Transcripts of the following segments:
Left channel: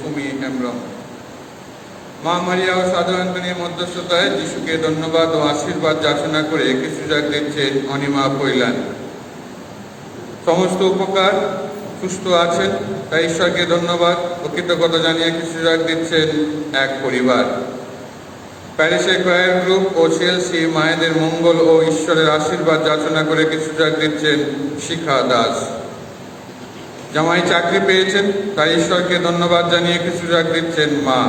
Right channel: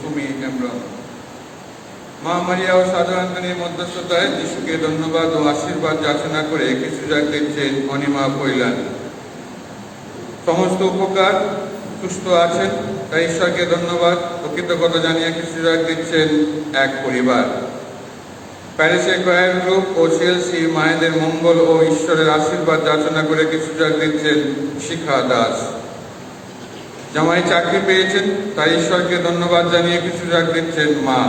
সুমি হেমব্রম। মা মারিয়া ও সাধারণতনের মধ্যস্থতায় যিশুকে ধন্যবাদ ও আশীর্বাদ যাচনা করে কিছু যাক দিচ্ছেন অনিমা পৈলান। সমস্ত উপকার সুস্থ আছেন তাই ঈশ্বরকে ধন্যবাদ ও কৃতজ্ঞতা জানিয়ে কিছু যাক দিচ্ছেন এক পরিবার। প্যারিসের ক্রয়ার গ্রুপ ও সিএলসি মায়েদের মঙ্গল ও ঈশ্বরের আশীর্বাদ যাচনা করে কিছু যাক দিচ্ছেন শিখা দাস। জামাই চাকরি পেয়েছেন তাই ঈশ্বরকে ধন্যবাদ জানিয়ে কিছু যাক দিচ্ছেন মা।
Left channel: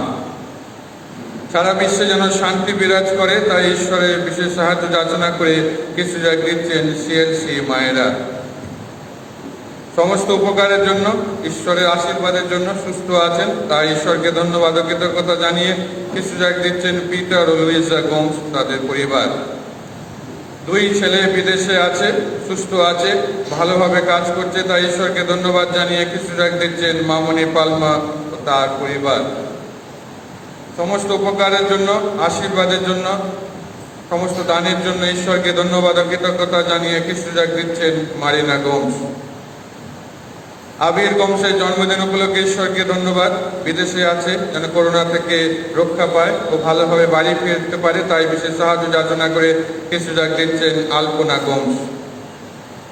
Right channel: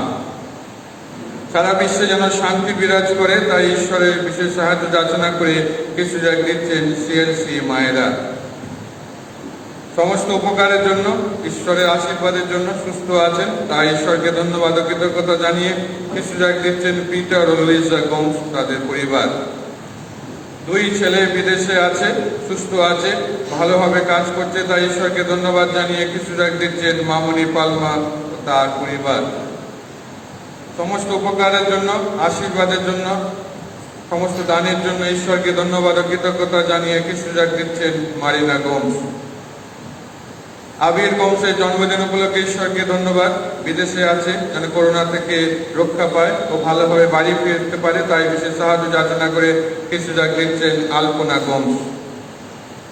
সারা বিশ্বে যেন শান্তি বিরাজ করে তাই ঈশ্বরের বিশেষ সাহায্য যাচনা করে কিছু যাক দিচ্ছেন সিএলসি মায়েরা। সমস্ত উপকারের জন্য ঈশ্বরের আশীর্বাদের জন্য সুস্থ আছেন তাই ঈশ্বরকে ধন্যবাদ ও কৃতজ্ঞতা জানিয়ে কিছু যাক দিচ্ছেন পিটার ও লিজা গোমস তাদের পরিবার। 2 ছেলে বিদেশে আছে, সুস্থ আছে, ভালোভাবে কাজ করছে তাই ঈশ্বরকে ধন্যবাদ জানিয়ে কিছু যাক দিচ্ছেন মামনি পালমা ও তার পরিবার। সমস্ত উপকারের জন্য, আশীর্বাদের জন্য, সমস্ত দানের জন্য ঈশ্বরকে ধন্যবাদ ও কৃতজ্ঞতা জানিয়ে কিছু যাক দিচ্ছেন মারিনা গোমস। আবির গোমসের জন্মদিন উপলক্ষে ঈশ্বরকে ধন্যবাদ, বিদেশে আছে যেন করোনা থেকে রক্ষা পায় ও ভালোভাবে বাড়ি ফিরতে পারে তাই বিশেষ সাহায্য যাচনা করে কিছু যাক দিচ্ছেন আলপনা গোমস।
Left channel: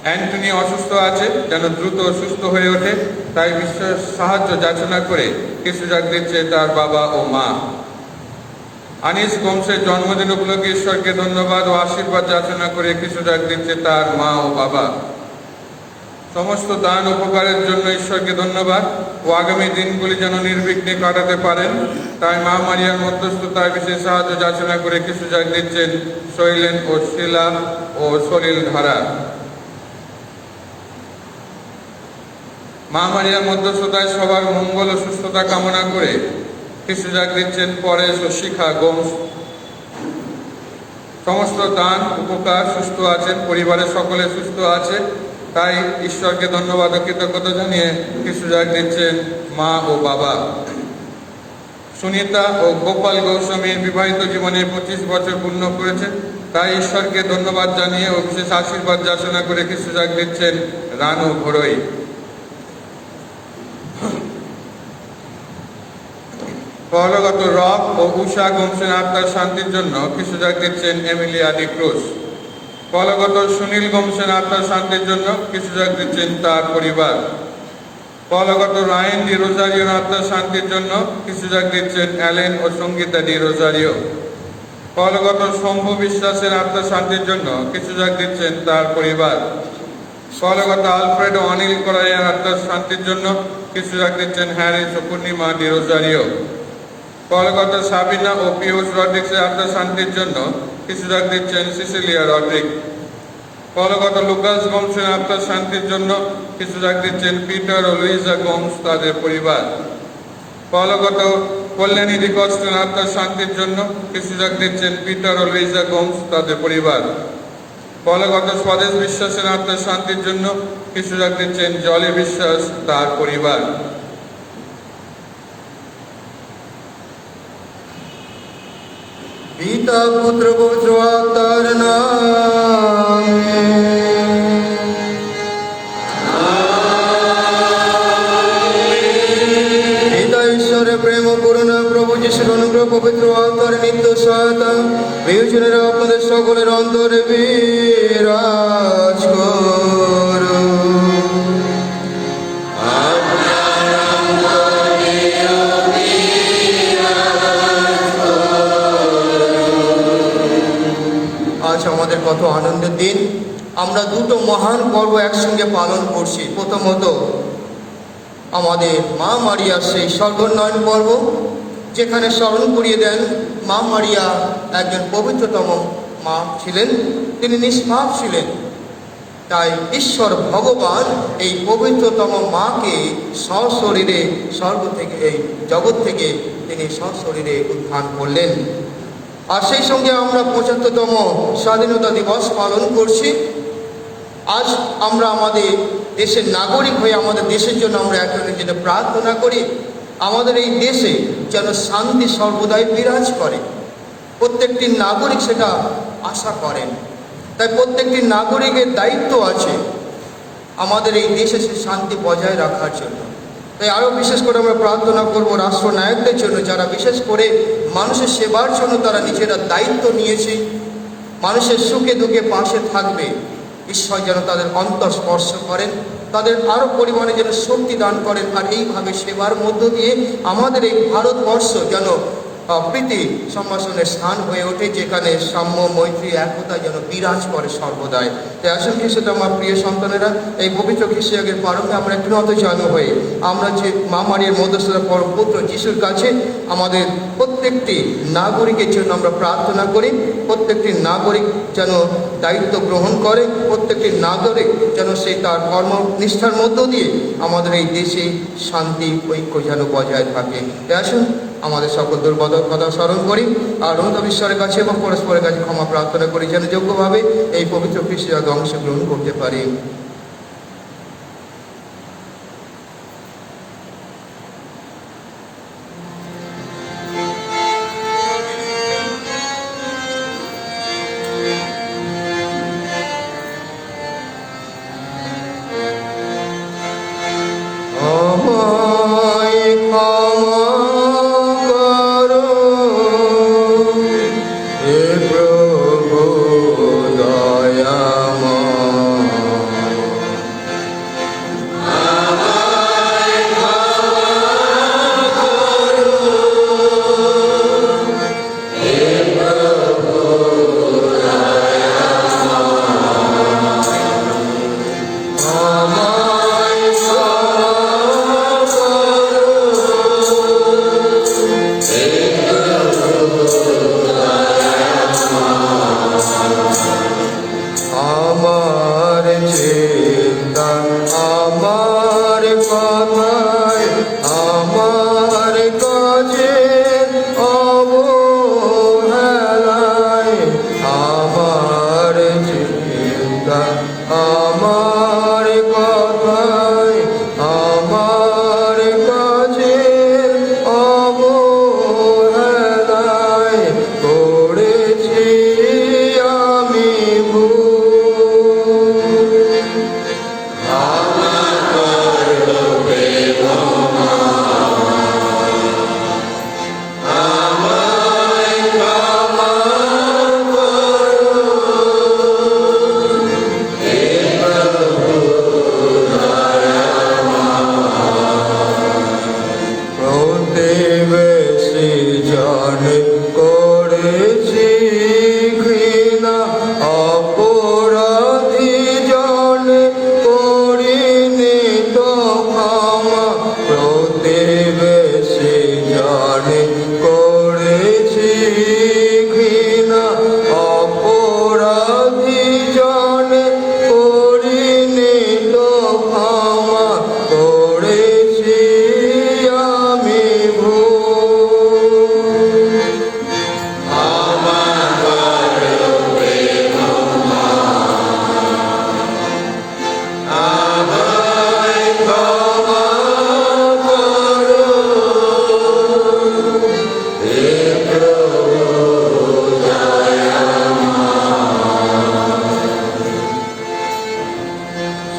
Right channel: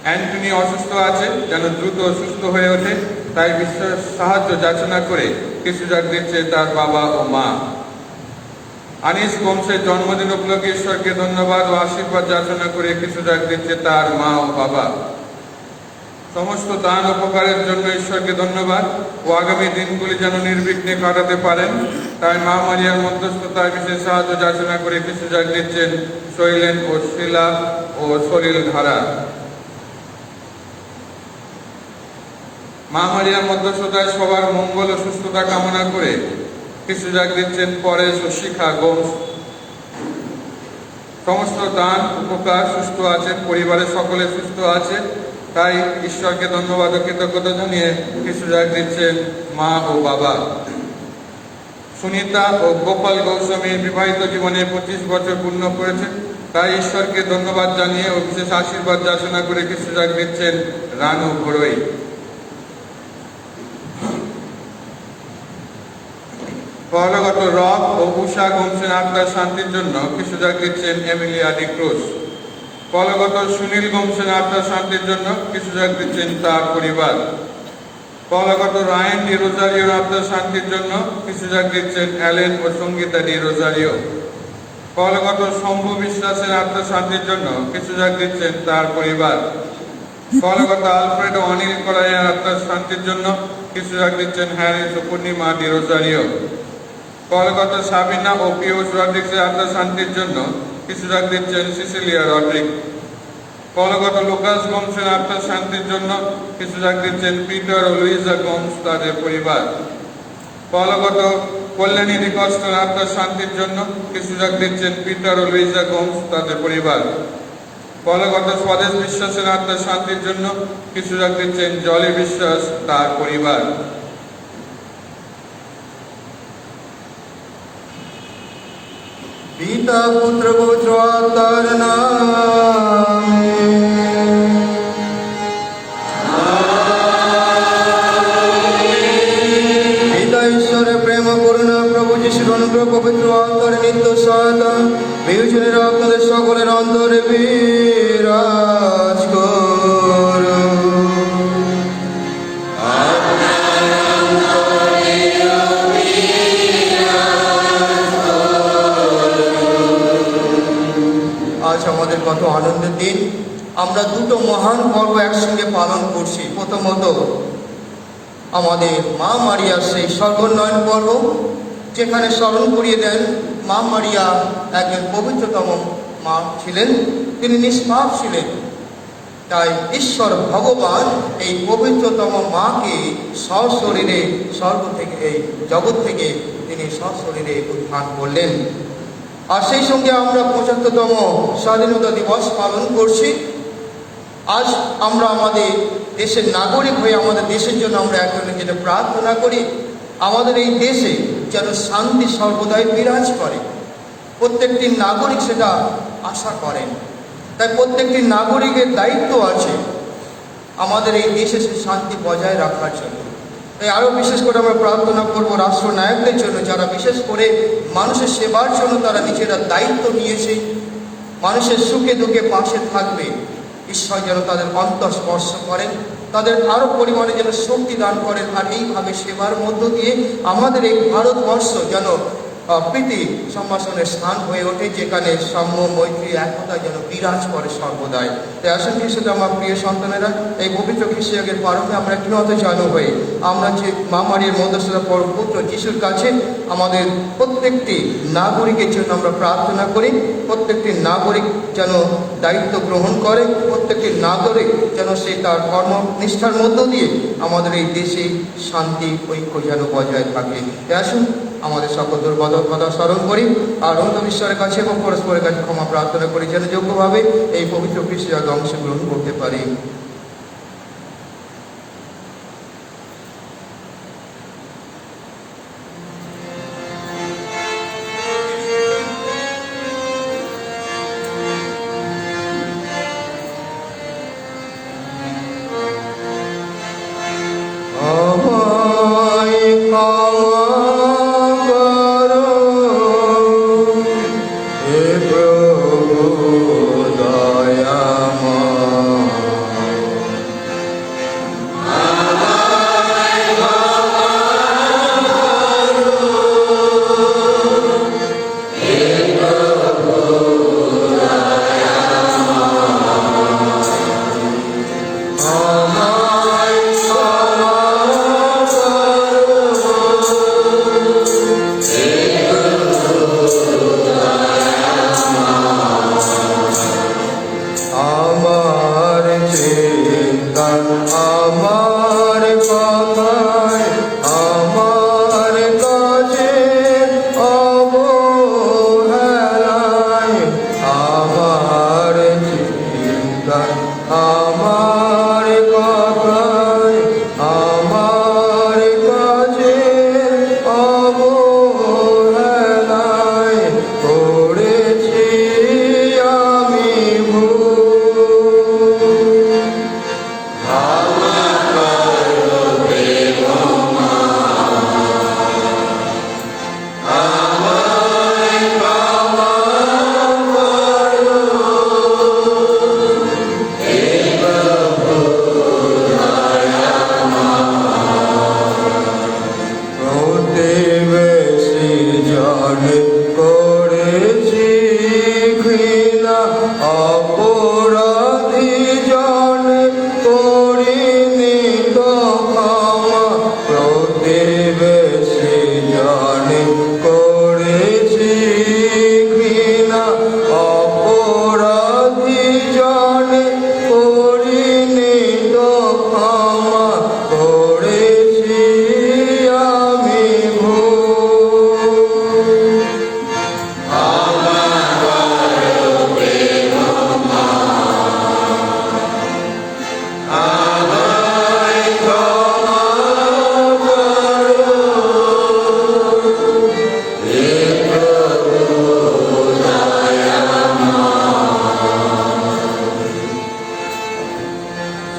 অ্যান্টনি অসুস্থ আছে যেন দ্রুত সুস্থ হয়ে ওঠে তাই বিশেষ সাহায্য যাচনা করে কিছু যাক দিচ্ছে তার বাবা ও মা। আনিস গোমসের জন্মদিন উপলক্ষে ঈশ্বরকে ধন্যবাদ ও আশীর্বাদ যাচনা করে কিছু যাক দিচ্ছে তার মা ও বাবা। সমস্ত দান উপকারের জন্য ঈশ্বরকে ধন্যবাদ ও আগামী দিনগুলি যেন নির্বিঘ্নে কাটাতে পারেন তাই মা মারিয়ার মধ্যস্থতায় বিশেষ সাহায্য যাচনা করে কিছু যাক দিচ্ছেন শৈলেন ও শিলা ও সলিল ধারা। মা মারিয়ার মধ্যস্থতায় সবার মঙ্গল ও সুস্থতা কামনা করে কিছু যাক দিচ্ছেন পরেশ ও শিখা গোমস। সমস্ত দান উপকার সুস্থ আছেন, পরিবারের সকলে সুস্থ আছে তাই ঈশ্বরকে ধন্যবাদ ও কৃতজ্ঞতা জানিয়ে কিছু যাক দিচ্ছেন মা ও বাবা। সুনিতা ও গোপাল গোস্বামীর বিবাহিত জীবনে 25 বছর পূর্ণ করেছেন তাই ঈশ্বরকে ধন্যবাদ জানিয়ে ও বিশেষ আশীর্বাদ যাচনা করে কিছু যাক দিচ্ছেন রানু ঘোড়ই। পরলোকগত রব ও উষা গোমসের আত্মার শান্তির জন্য কিছু যাক দিচ্ছেন এমিলিয়া ডি ক্রুজ। পরলোকগত সুনীল গোমসের আত্মার শান্তির জন্য কিছু যাক দিচ্ছেন তার পরিবার। পরলোকগত রায়ন ডি রোজারিওর আত্মার শান্তির জন্য কিছু যাক দিচ্ছেন অ্যালেন ও সঙ্গীতা ডি রোজারিও। পরলোকগত শম্ভু বিশ্বাসের আত্মার শান্তির জন্য কিছু যাক দিচ্ছেন তার পরিবার। পরলোকগত আলফ্রেড ও অনিল করাইয়ের আত্মার শান্তির জন্য কিছু যাক দিচ্ছেন হ্যারিস ও পূর্ণিমা ডি রোজারিও। পরলোকগত সাবিনা ও পিউষ রড্রিক্সের আত্মার শান্তির জন্য কিছু যাক দিচ্ছেন সিসিলিয়া রড্রিক। পরলোকগত লুকাস গোমসের আত্মার শান্তির জন্য কিছু যাক দিচ্ছেন পিটার ও লুইজা গোমস তাদের পরিবার। পরলোকগত কল্যাণী রিকস্টের আত্মার শান্তির জন্য কিছু যাক দিচ্ছেন পিটার ও লুইজা গোমস তাদের পরিবার। পরলোকগত স্বদেশ বিশ্বাসের আত্মার শান্তির জন্য কিছু যাক দিচ্ছেন জলি বিশ্বাস তার পরিবার। পিতা পুত্র পুত্র আত্মার নামে পিতা ঈশ্বরের প্রেম করুণা প্রভু যিশুর অনুগ্রহ পবিত্র আত্মার নিত্য সহায়তা বিবেচনের আপনাদের সকলের অন্তরে বিরাজ করুন। আজ আমাদের কত আনন্দের দিন, আমরা দুটো মহান পর্ব একসঙ্গে পালন করছি। প্রথমত আমাদের মা মারিয়ার সেই সর্বোন্নয়ন পর্ব, যেখানে স্মরণ করিয়ে দেন মা মারিয়া একজন পবিত্রতম মা ছিলেন, তিনি নিষ্পাপ ছিলেন। তাই ঈশ্বর ভগবান এই পবিত্রতম মাকে সশরীরে স্বর্গ থেকে, এই জগৎ থেকে তিনি সশরীরে উত্থান করলেন। আর সেই সঙ্গে আমরা 75তম স্বাধীনতা দিবস পালন করছি। আজ আমরা আমাদের দেশের নাগরিক হয়ে আমাদের দেশের জন্য আমরা একজনের জন্য প্রার্থনা করি, আমাদের এই দেশে যেন শান্তি সর্বদাই বিরাজ করে। প্রত্যেকটি নাগরিক সেটা আশা করেন। তাই প্রত্যেকটি নাগরিকের দায়িত্ব আছে আমাদের এই দেশে সে শান্তি বজায় রাখার জন্য। তাই আরও বিশেষ করে আমরা প্রার্থনা করব রাষ্ট্রনায়কদের জন্য, যারা বিশেষ করে মানুষের সেবার জন্য তারা নিজেরা দায়িত্ব নিয়েছে, মানুষের সুখে দুঃখে পাশে থাকবে। ঈশ্বর যেন তাদের অন্তর স্পর্শ করেন, তাদের আরও পরিমাণে যেন শক্তি দান করেন, আর এইভাবে সেবার মধ্য দিয়ে আমাদের এই ভারতবর্ষ যেন প্রীতি সম্ভাষণের স্থান হয়ে ওঠে, যেখানে সাম্য মৈত্রী একতা যেন বিরাজ করে সর্বদাই। তাই আসুন খ্রিস্ট আমার প্রিয় সন্তানেরা, এই পবিত্র খ্রিস্টীয়গের প্রারম্ভে আমরা একটু নত জন্ম হয়ে আমরা যে মা মারিয়ার মধ্যস্থতা পরম পুত্র যিশুর কাছে আমাদের প্রত্যেকটি নাগরিকের জন্য আমরা প্রার্থনা করি। প্রত্যেকটি নাগরিক যেন দায়িত্ব গ্রহণ করে, প্রত্যেকটি নাগরিক যেন সে তার কর্মনিষ্ঠার মধ্য দিয়ে আমাদের এই দেশে শান্তি ঐক্য যেন বজায় থাকে। তাই আসুন আমাদের সকল দুর্বল কথা স্মরণ করি আর ঈশ্বরের কাছে এবং পরস্পরের কাছে ক্ষমা প্রার্থনা করি, যেন যোগ্যভাবে এই পবিত্র খ্রিস্টীয় অংশগ্রহণ করতে পারি।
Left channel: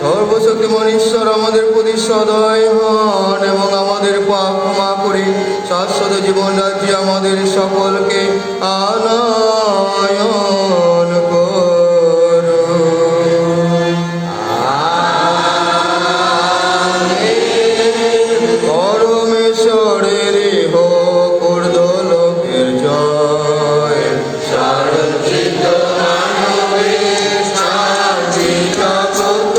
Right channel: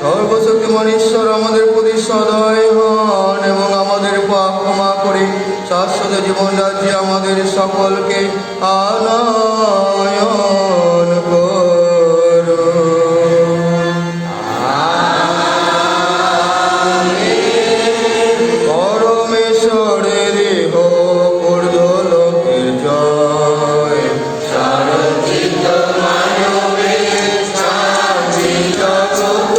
সর্বশক্তিমান ঈশ্বর আমাদের প্রতি সদয় হন এবং আমাদের পাপ ক্ষমা করে শাশ্বত জীবন রাজ্যে আমাদের সকলকে আনয়ন করুন। পরমেশ্বরের হোক ঊর্ধ্বলোকের জয়, সারচিত মানবের শান্তি জগৎ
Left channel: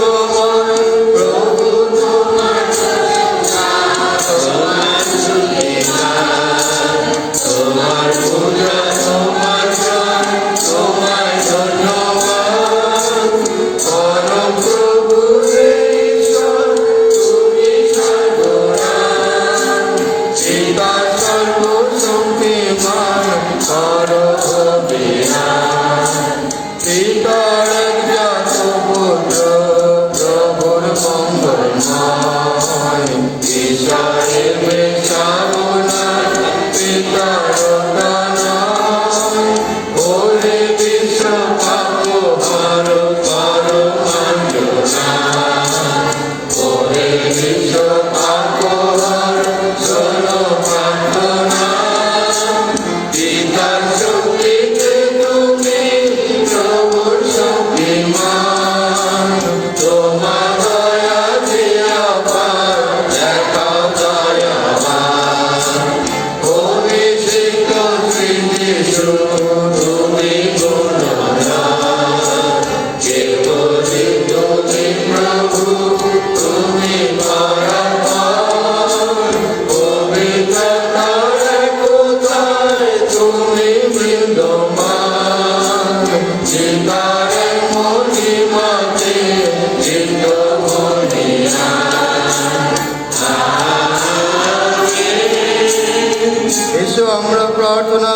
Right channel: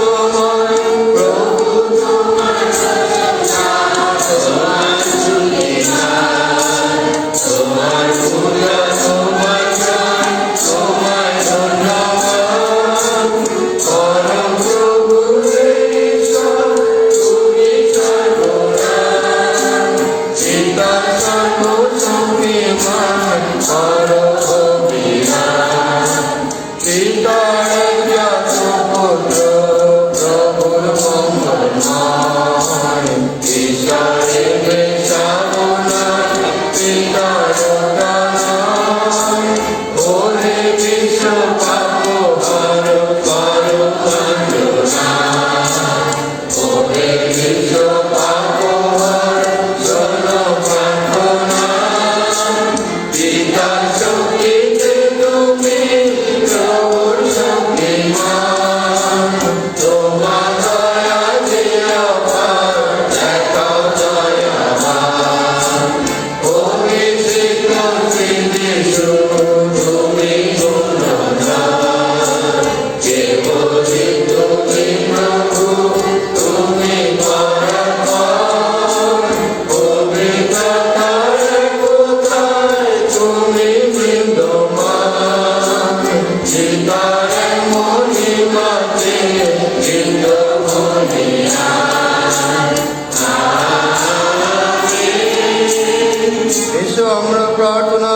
প্রার্থনা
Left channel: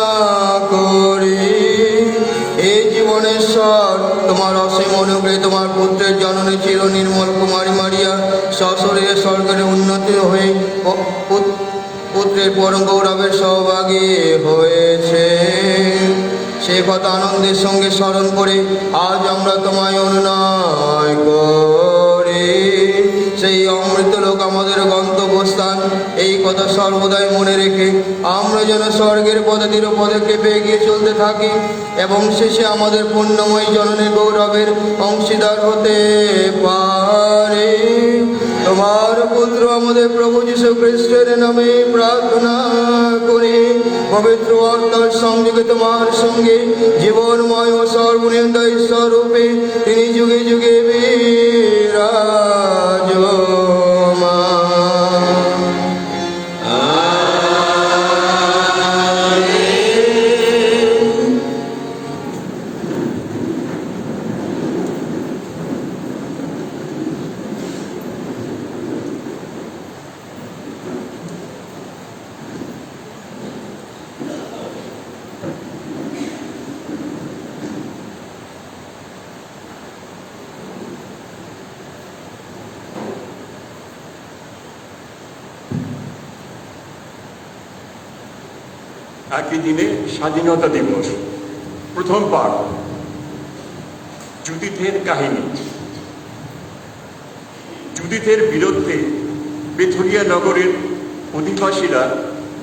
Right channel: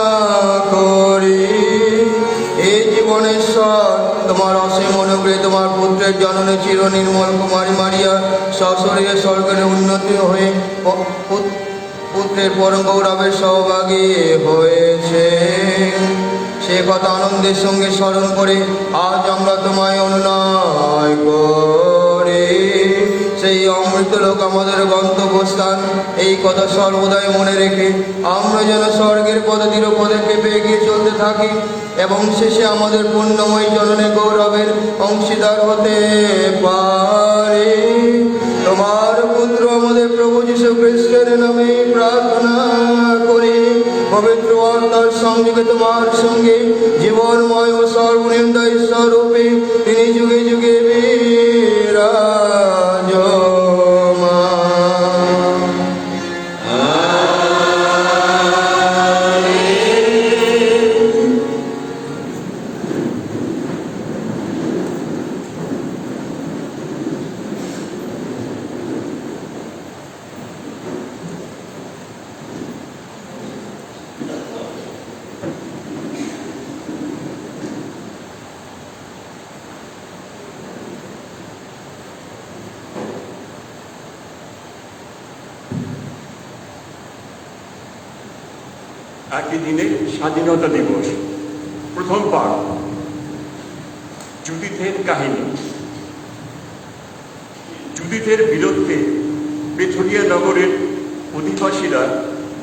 করি। এই জীবনেশ্বর তোমার অসীম অনুগ্রহে তোমার পুত্রের জননী চির নির্মল কুমারী মারিয়া সশরীরে স্বর্গের উন্নতি হয়ে পুত্রের পরম গৌরবের সহভাগী হয়েছে। সে কথা আনন্দের সঙ্গে স্মরণ করে আজ আমরা তোমায় অনুনয় করি। সেই অমৃত লোক আমাদের গন্তব্যস্থান, এই কথা সর্বদাই মনে রেখে আমরা যেন স্বর্গের পদাতির পদক্ষেপে এগিয়ে চলতে থাকি এবং শেষে আমাদের পুণ্যময়ী জননের গৌরবের অংশীদার হতে পারি। তোমার পুত্র আমাদের প্রভু যীশু খ্রিস্টের নামে প্রার্থনা করি। পবিত্র আত্মার সংযোগে তোমার সঙ্গে জীবনময় ও সর্বনির্দয় স্বরূপে তিনি যুগে যুগে বিরাজমান। একই দিনে স্বাধীনতা দিবস। প্রথম পাঠ, জুডিথের কাহিনী। জুডিথের বিরুদ্ধে বেথুরিয়া নগরের অধিবাসীরা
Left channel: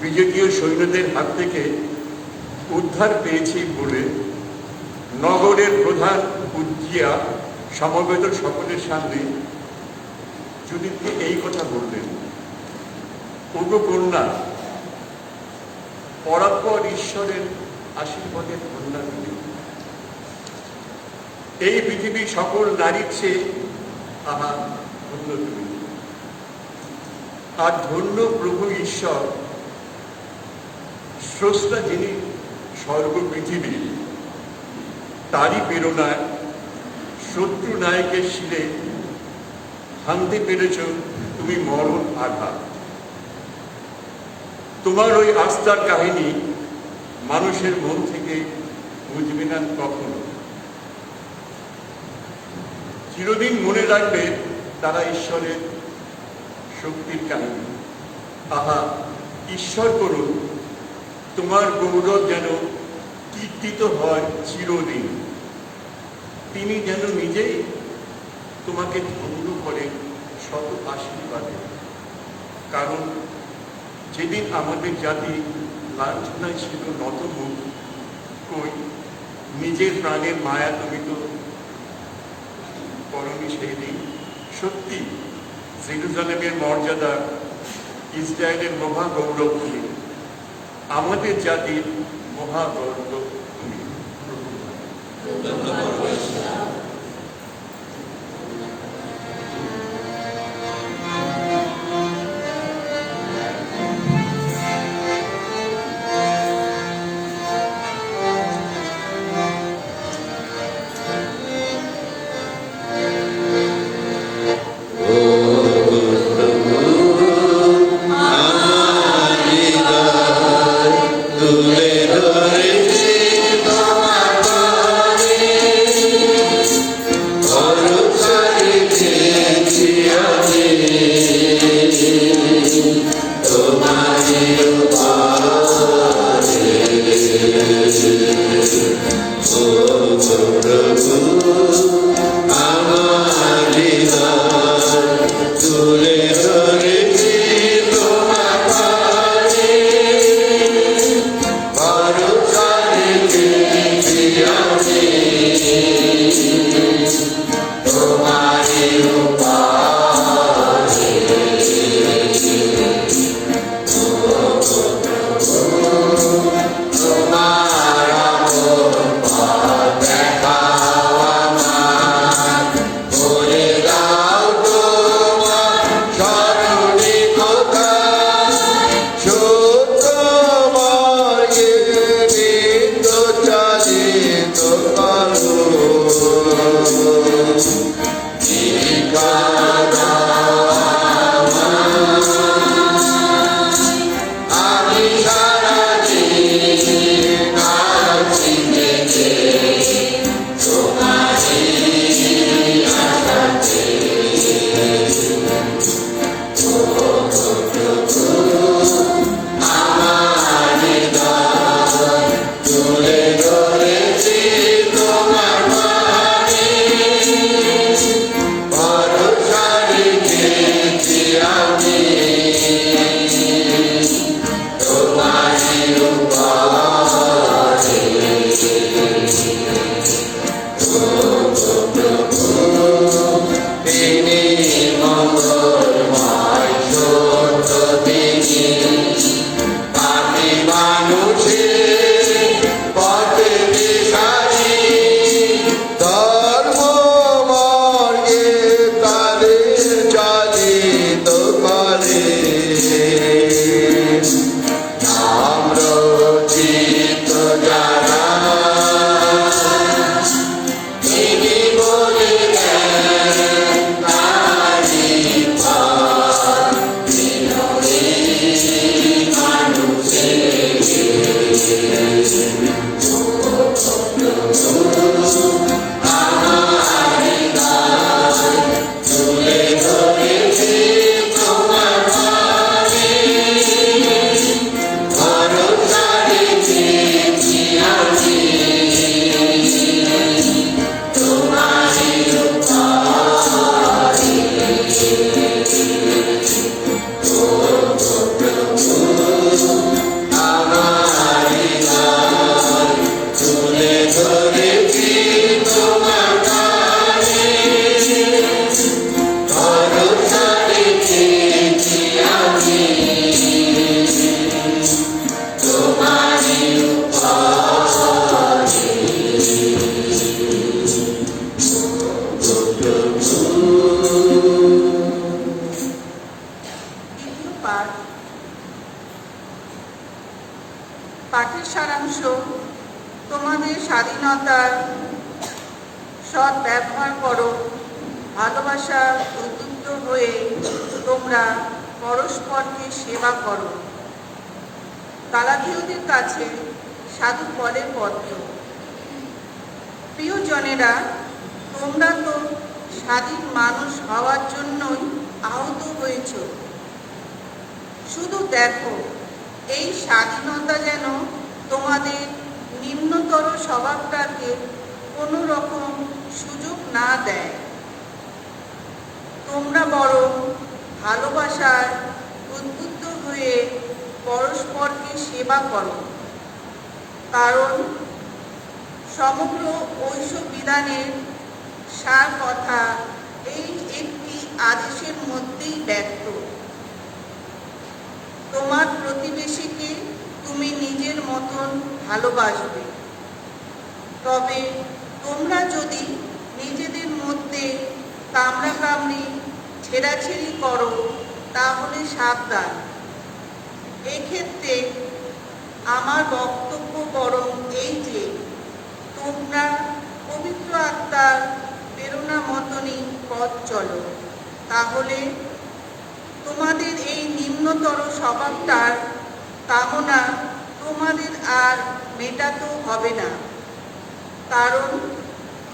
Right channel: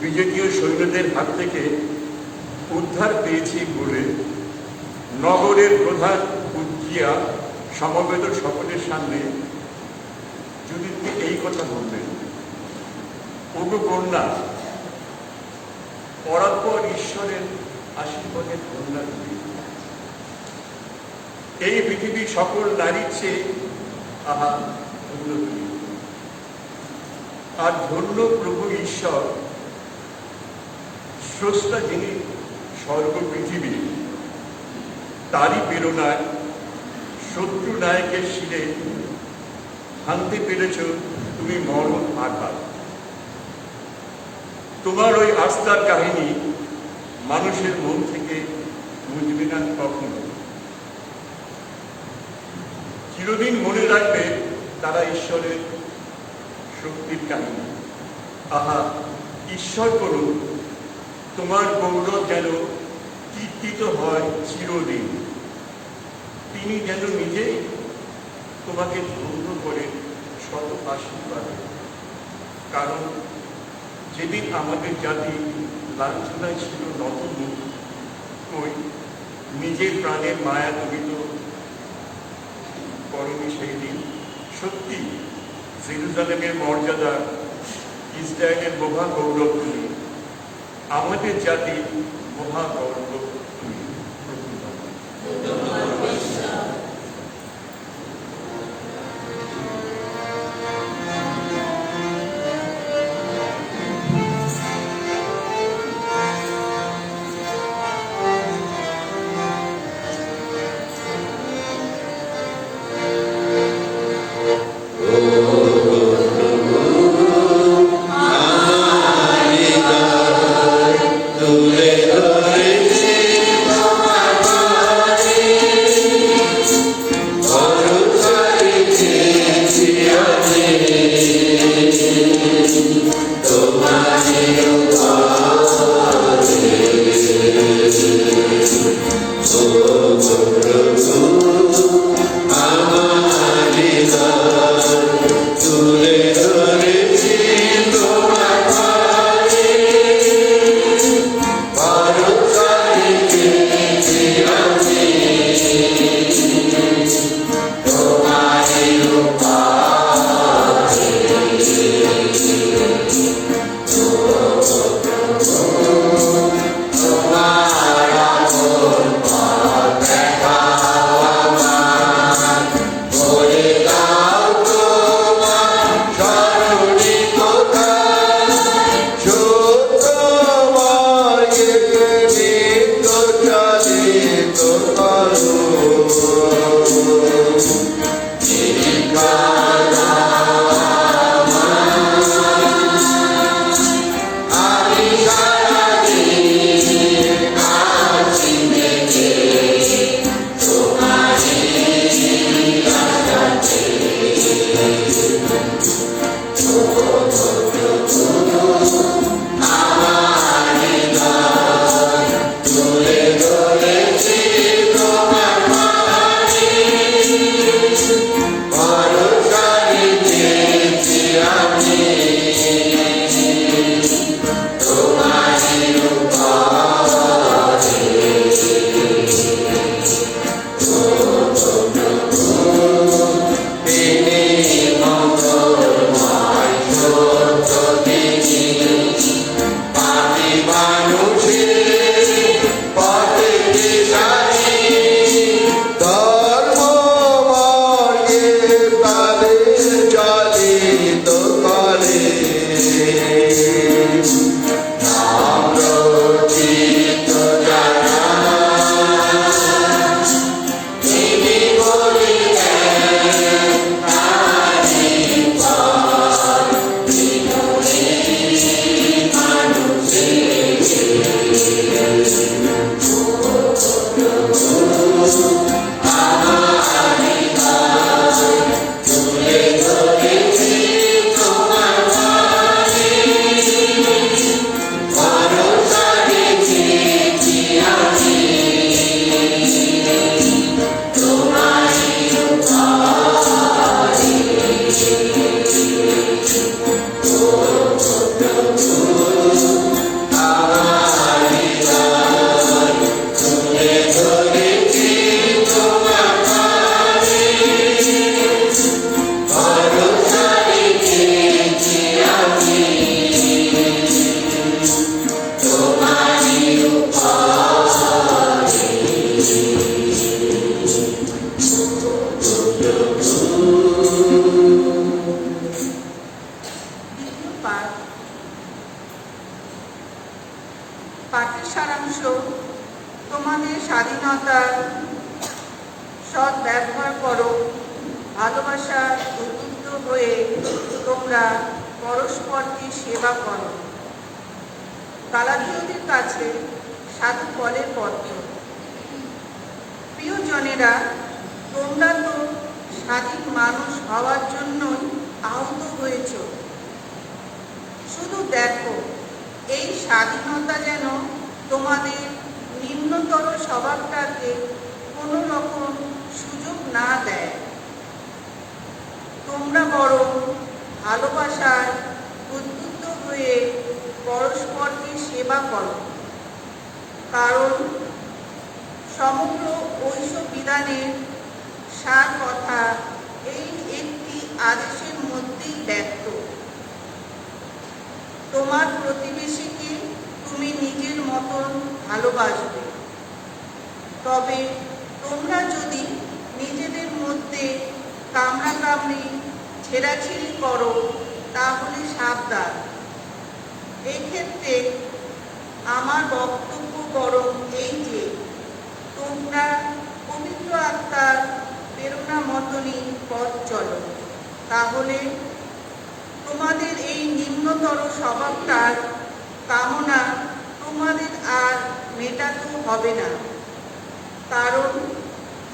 বিজেপীয় সৈন্যদের হাত থেকে উদ্ধার পেয়েছি বলে নগরের প্রধান উজ্জিয়া সমবেত সকলের সামনে জুডিথকে এই কথা বললেন, ওগো কন্যা, পরাৎপর ঈশ্বরের আশীর্বাদের কন্যা তুমি। এই পৃথিবীর সকল নারীর চেয়ে আহা ধন্য তুমি। আর ধন্য প্রভু ঈশ্বর, স্রষ্টা যিনি স্বর্গ পৃথিবী, তারই প্রেরণায় শত্রু নায়কের শিরে ভাঙতে পেরেছ তুমি মরণ আঘাত। তোমার ওই আস্থার কাহিনী মানুষের মন থেকে মুছবে না কখনো। চিরদিন মনে রাখবে তারা ঈশ্বরের শক্তির কাহিনী। আহা, ঈশ্বর করুন তোমার গৌরব যেন কীর্তিত হয় চিরদিন। তিনি যেন নিজেই তোমাকে ধন্য করেন শত আশীর্বাদে। কারণ যেদিন আমাদের জাতি লাঞ্ছনায় ছিল নতমুখ, কই নিজের প্রাণের মায়া তুমি তো করনি সেই দিন। সত্যি জেরুজালেমের মর্যাদা, ইসরায়েলের মহাগৌরব তুমি, আমাদের জাতির মহাগৌরব তুমি। তুলে ধরেছে তোমার পাঠের সারাংশ: তোমাদের স্বাধীনতার সৎ ব্যবহার করো, ভালোবাসার উদ্বুদ্ধ হয়ে তোমরা পরস্পরকে সেবা করো। গালাতীয়দের কাছে সাধু পলের পত্র। প্রিয়জনেরা, তোমরা তো স্বাধীন মানুষ হওয়ার জন্যই আহত হয়েছ। শুধু দেখো, এই স্বাধীনতা যেন তোমাদের নিম্নতর স্বভাবটাকে কোনো রকম সুযোগ না দেয়। তোমরা বরং ভালোবাসায় উদ্বুদ্ধ হয়ে পরস্পরকে সেবা করো, কারণ সমগ্র ঐশ বিধানের সার কথা এই একটি আদেশের মধ্যেই ব্যক্ত। তোমার প্রতিবেশীকে তুমি নিজের মতন ভালোবাসবে। তবে তোমরা যদি নিজেদের মধ্যে কামড়াকামড়ি ছেঁড়াছেড়ি করো, তাহলে সাবধান। এক্ষেত্রে আমার বক্তব্য বরং এই যে, তোমরা পবিত্র আত্মার প্রেরণা মতনই পথ চলো, তাহলে তোমাদের এই নিম্নতর স্বভাবটার কামনা তোমাদের আর মেটাতেও হবে না। কারণ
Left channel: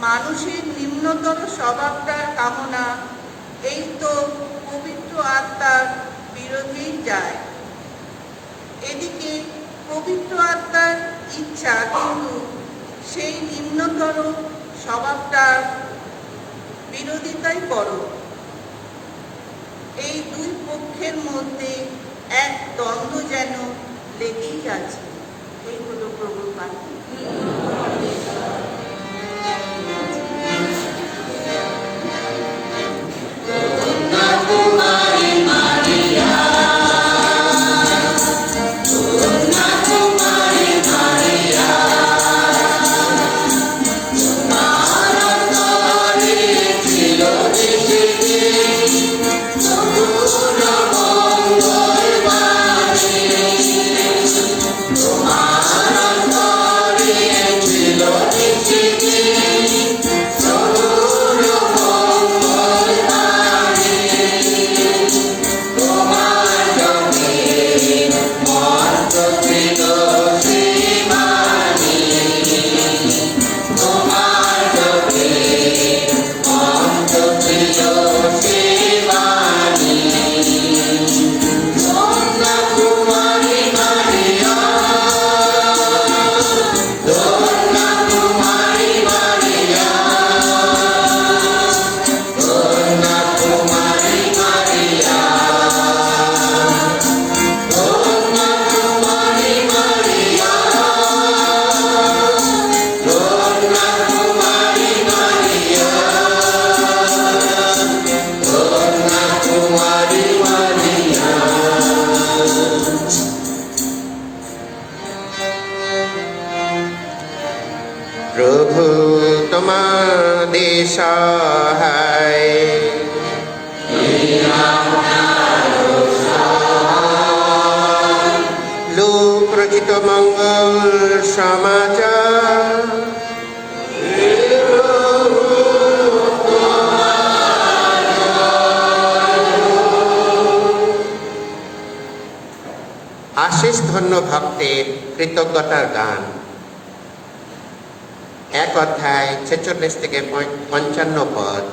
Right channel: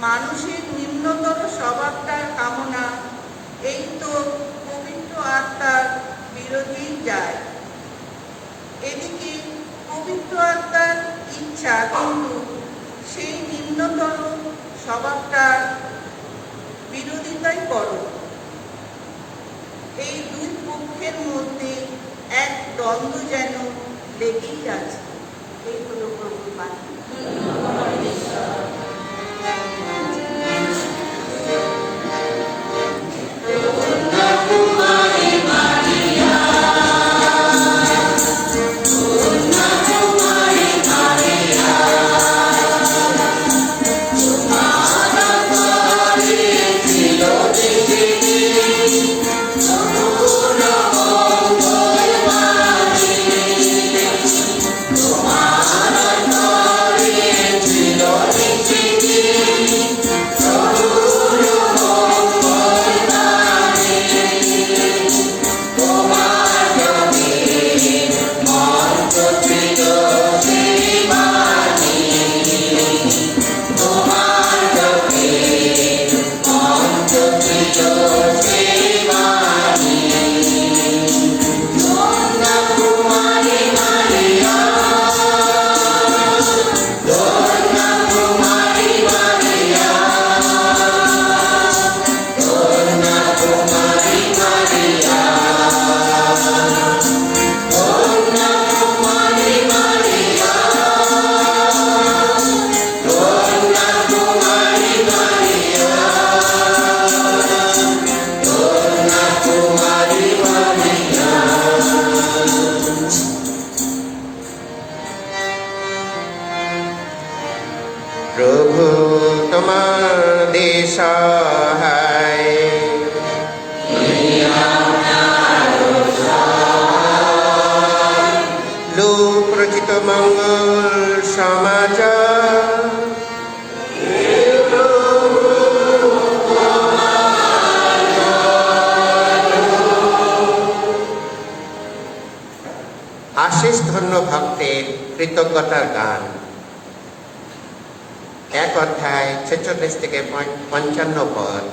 মানুষের নিম্নতর স্বভাবটার কামনা এই তো পবিত্র আত্মার বিরোধেই যায়। এদিকে পবিত্র আত্মার ইচ্ছা কিন্তু সেই নিম্নতর স্বভাবটার বিরোধিতাই করো। এই দুই পক্ষের মধ্যে এক দ্বন্দ্ব যেন লেগেই আছে। এই হলো প্রভুর বাণী। প্রভু তোমাদের সহায়। লোক রচিত মঙ্গল সমাচার। আশিস ধন্য ভক্তের কৃতজ্ঞতার গান। 1 অধ্যায় 46 থেকে 55 পদ।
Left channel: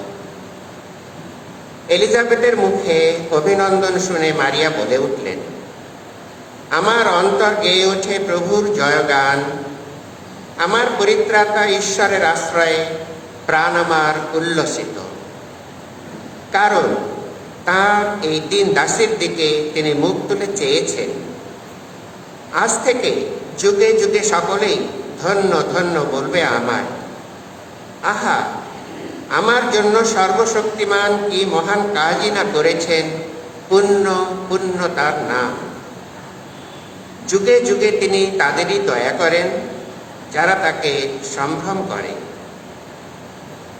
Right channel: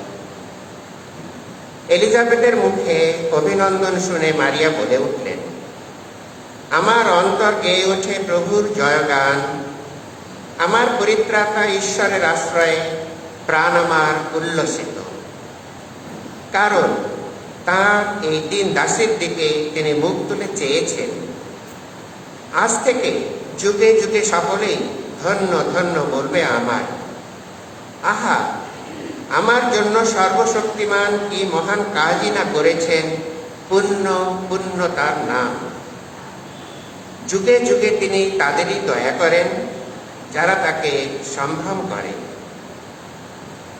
এলিজাবেথের মুখে অভিনন্দন শুনে মারিয়া বলে উঠলেন, আমার অন্তর গেয়ে ওঠে প্রভুর জয়গান। আমার পরিত্রাতা ঈশ্বরের আশ্রয়ে প্রাণ আমার উল্লসিত। কারণ তাঁর এই দিন দাসের দিকে তিনি মুখ তুলে চেয়েছেন। আজ থেকে যুগে যুগে সকলেই ধন্য ধন্য বলবে আমায়। আহা, আমার জন্য সর্বশক্তিমান কি মহান কাজই না করেছেন, পুণ্য পুণ্য তার নাম। যুগে যুগে তিনি তাদেরই দয়া করেন যারা তাকে সম্ভ্রম করে।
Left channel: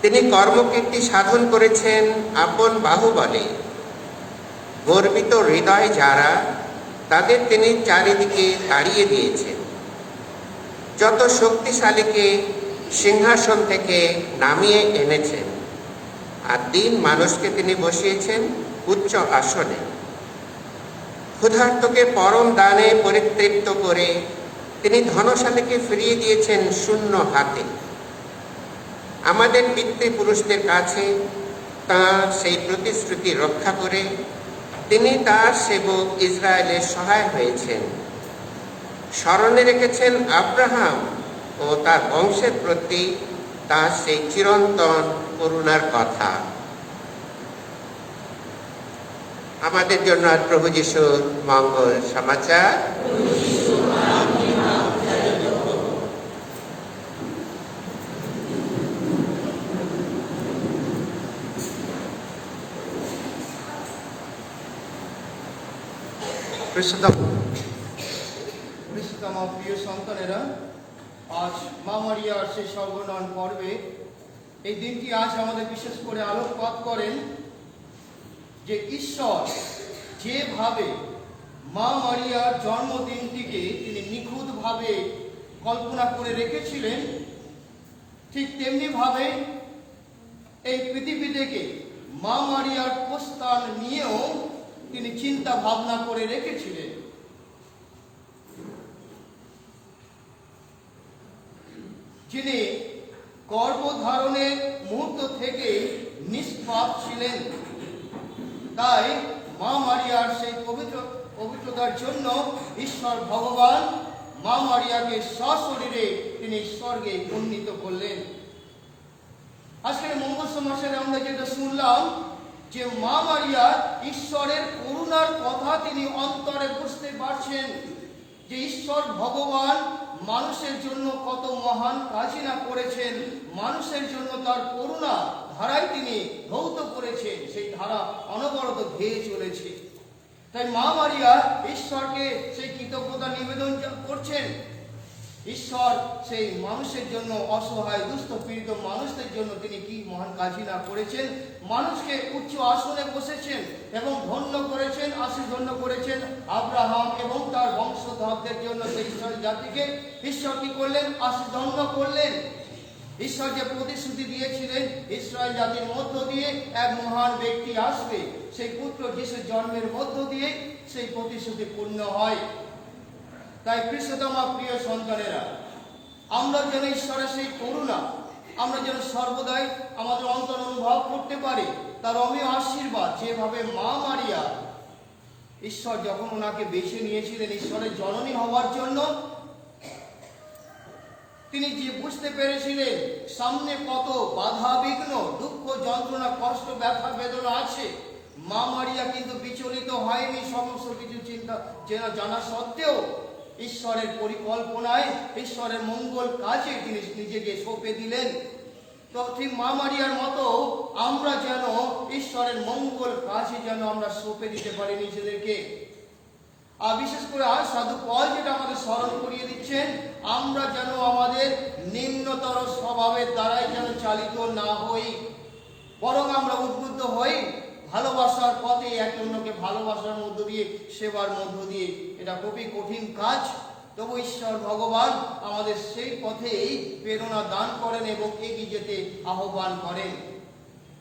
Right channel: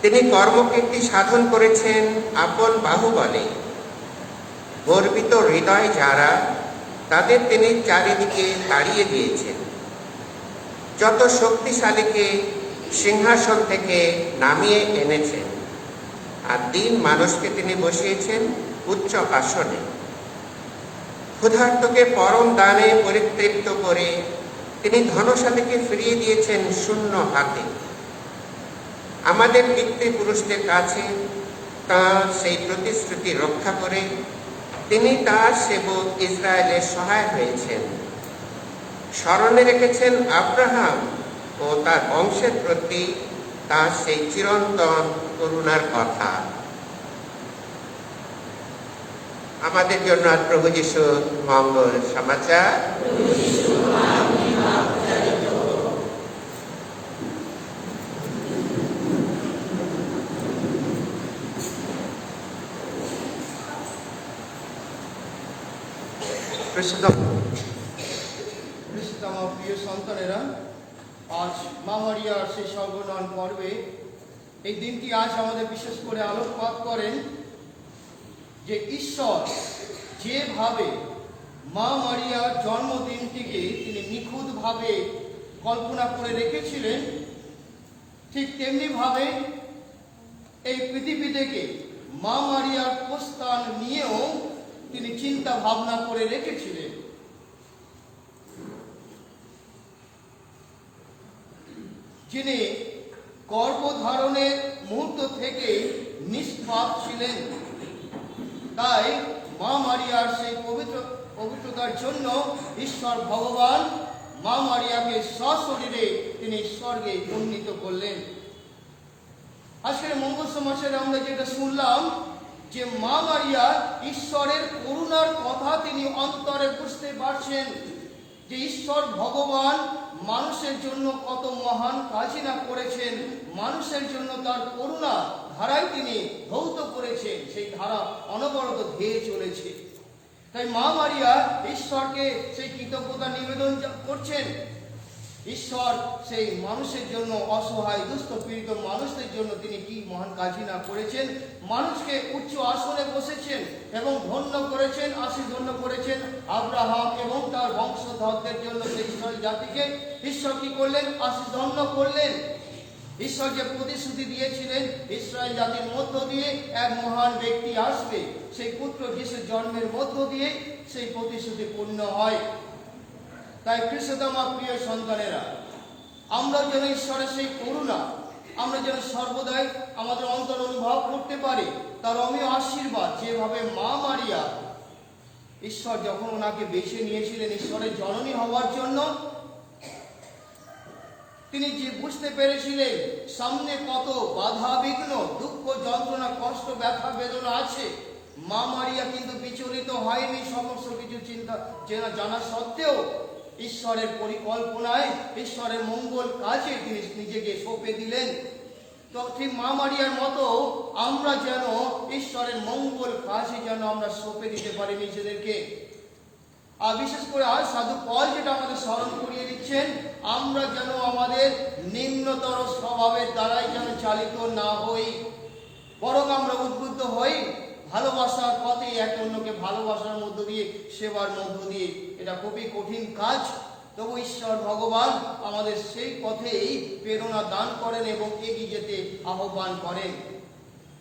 তিনি কর্মকীর্তি সাধন করেছেন আপন বাহুবলে। গর্বিত হৃদয় যারা, তাদের তিনি চারিদিকে তাড়িয়ে দিয়েছেন। যত শক্তিশালীকে সিংহাসন থেকে নামিয়ে এনেছেন, আর দীন মানুষকে তিনি বসিয়েছেন উচ্চ আসনে। ক্ষুধার্তকে পরম দানে পরিতৃপ্ত করে তিনি ধনশালীকে ফিরিয়ে দিয়েছেন শূন্য হাতে। আমাদের পিতৃপুরুষদের কাছে তাঁর সেই প্রতিশ্রুতি রক্ষা করে তিনি তাঁর সেবক ইসরায়েলের সহায় হয়েছেন। স্মরণে রেখেছেন আব্রাহাম ও তার বংশের প্রতি তাঁর সেই চিরন্তন করুণার কথা। আমাদের জন্য আজ প্রভু যিশুর মঙ্গল সমাচার। আমার প্রিয় সন্তানেরা, আজ মা মারিয়ার সেই সর্বনয়ন পর্বে এই দিনটি আজ আমাদের বিশেষ করে আলোকপাত করেন যে ঈশ্বর যেভাবে মা মারিয়ার জন্মদিনটিকে তিনি নিখুঁতভাবে কল্পনা করে রেখেছিলেন, ঠিক তেমনি ভাবে এই পৃথিবী থেকে মা মারিয়ার প্রস্থান নিয়েও তিনি চিন্তা ভাবনা করে রেখেছিলেন। যিনি গর্ভধারণের মুহূর্ত থেকে নিষ্পাপ ছিলেন, তাই মা মারিয়ার সেই পবিত্রতার জন্য ঈশ্বর ভগবান মা মারিয়াকে সশরীরে তিনি স্বর্গে উন্নীত করলেন। আজকের মঙ্গল সমাসের আমরা যেটা শুনলাম যে মা মারিয়া ঈশ্বরের করুণার কথা তিনি অন্তরে বুঝতে পারছেন, যে ঈশ্বর ভগবান মানুষের জন্য কত মহান কাজই না করেছেন, মানুষের জন্য তার করুণা ধারায় তিনি ধৌত করেছেন, সেই ধারা অনবরত ধেয়ে চলেছে। তাই মা মারিয়া ঈশ্বরকে সেই কৃতজ্ঞতা নিবেদন করছেন। ঈশ্বর সেই মানুষের জন্য, অসহায় দুস্থ পীড়িত মানুষদের জন্য তিনি কি মহান কাজই না করেছেন। মানুষকে উচ্চ আসনে বসেছেন এবং ধন্য করেছেন, আশীষ ধন্য করেছেন আব্রাহাম এবং তার বংশধরদের জন্য। সেই ইসরায়েল জাতিকে ঈশ্বর কি করলেন? আশীষ ধন্য করলেন। ঈশ্বর যে প্রতিশ্রুতি দিয়েছিলেন ইসরায়েল জাতির মধ্য দিয়ে এক মহান ব্যক্তি আসবে, সেই পুত্র যিশুর জন্মের মধ্য দিয়ে সেই প্রতিশ্রুতি পূর্ণ হয়। তাই খ্রিস্টতম প্রিয় সন্তানেরা, আমরা যেন ঈশ্বরের সেই করুণা আমরা যেন সর্বদাই আমাদের অন্তর অনুভব করতে পারি, তার অমীয় আশীর্বাদ। যেভাবে মা মারিয়া ঈশ্বর যখন ওনাকে বেছে নিয়েছিলেন ঈশ্বরের জননী হওয়ার জন্য, তিনি যে বুঝতে পেরেছিলেন সামনে কত বাধা বিঘ্ন, দুঃখ, যন্ত্রণা, কষ্ট, ব্যথা, বেদনা আছে, মা মারিয়া কিন্তু বিচলিত হয়নি। সমস্ত কিছু চিন্তা জানা সত্ত্বেও ঈশ্বরের পরিকল্পনায়, ঈশ্বরের মঙ্গল কাজে তিনি নিজেকে সঁপে দিলেন। তো ঠিক মা মারিয়ার মতো আমরা যেন ঈশ্বরের মঙ্গল কাজে যেন আমরা সঁপে দিতে পারি নিজেদেরকে। আর বিশেষ করে আজ সাধু পল যেটা আমাদের স্মরণ করিয়ে দিচ্ছেন, আমরা যেন আমাদের নিম্নতর স্বভাবের দ্বারাই যেন চালিত না হই, বরং আমরা উদ্বুদ্ধ হই ভালোবাসার পথে, এক অন্যকে ভালোবাসার মধ্য দিয়ে, সেবার মধ্য দিয়ে। এটা খুবই কঠিন কাজ, তবু ঈশ্বর ভগবান আমাদের সেই পথেই প্রেরণা দান করেন এবং এগিয়ে যেতে আহ্বান করেন।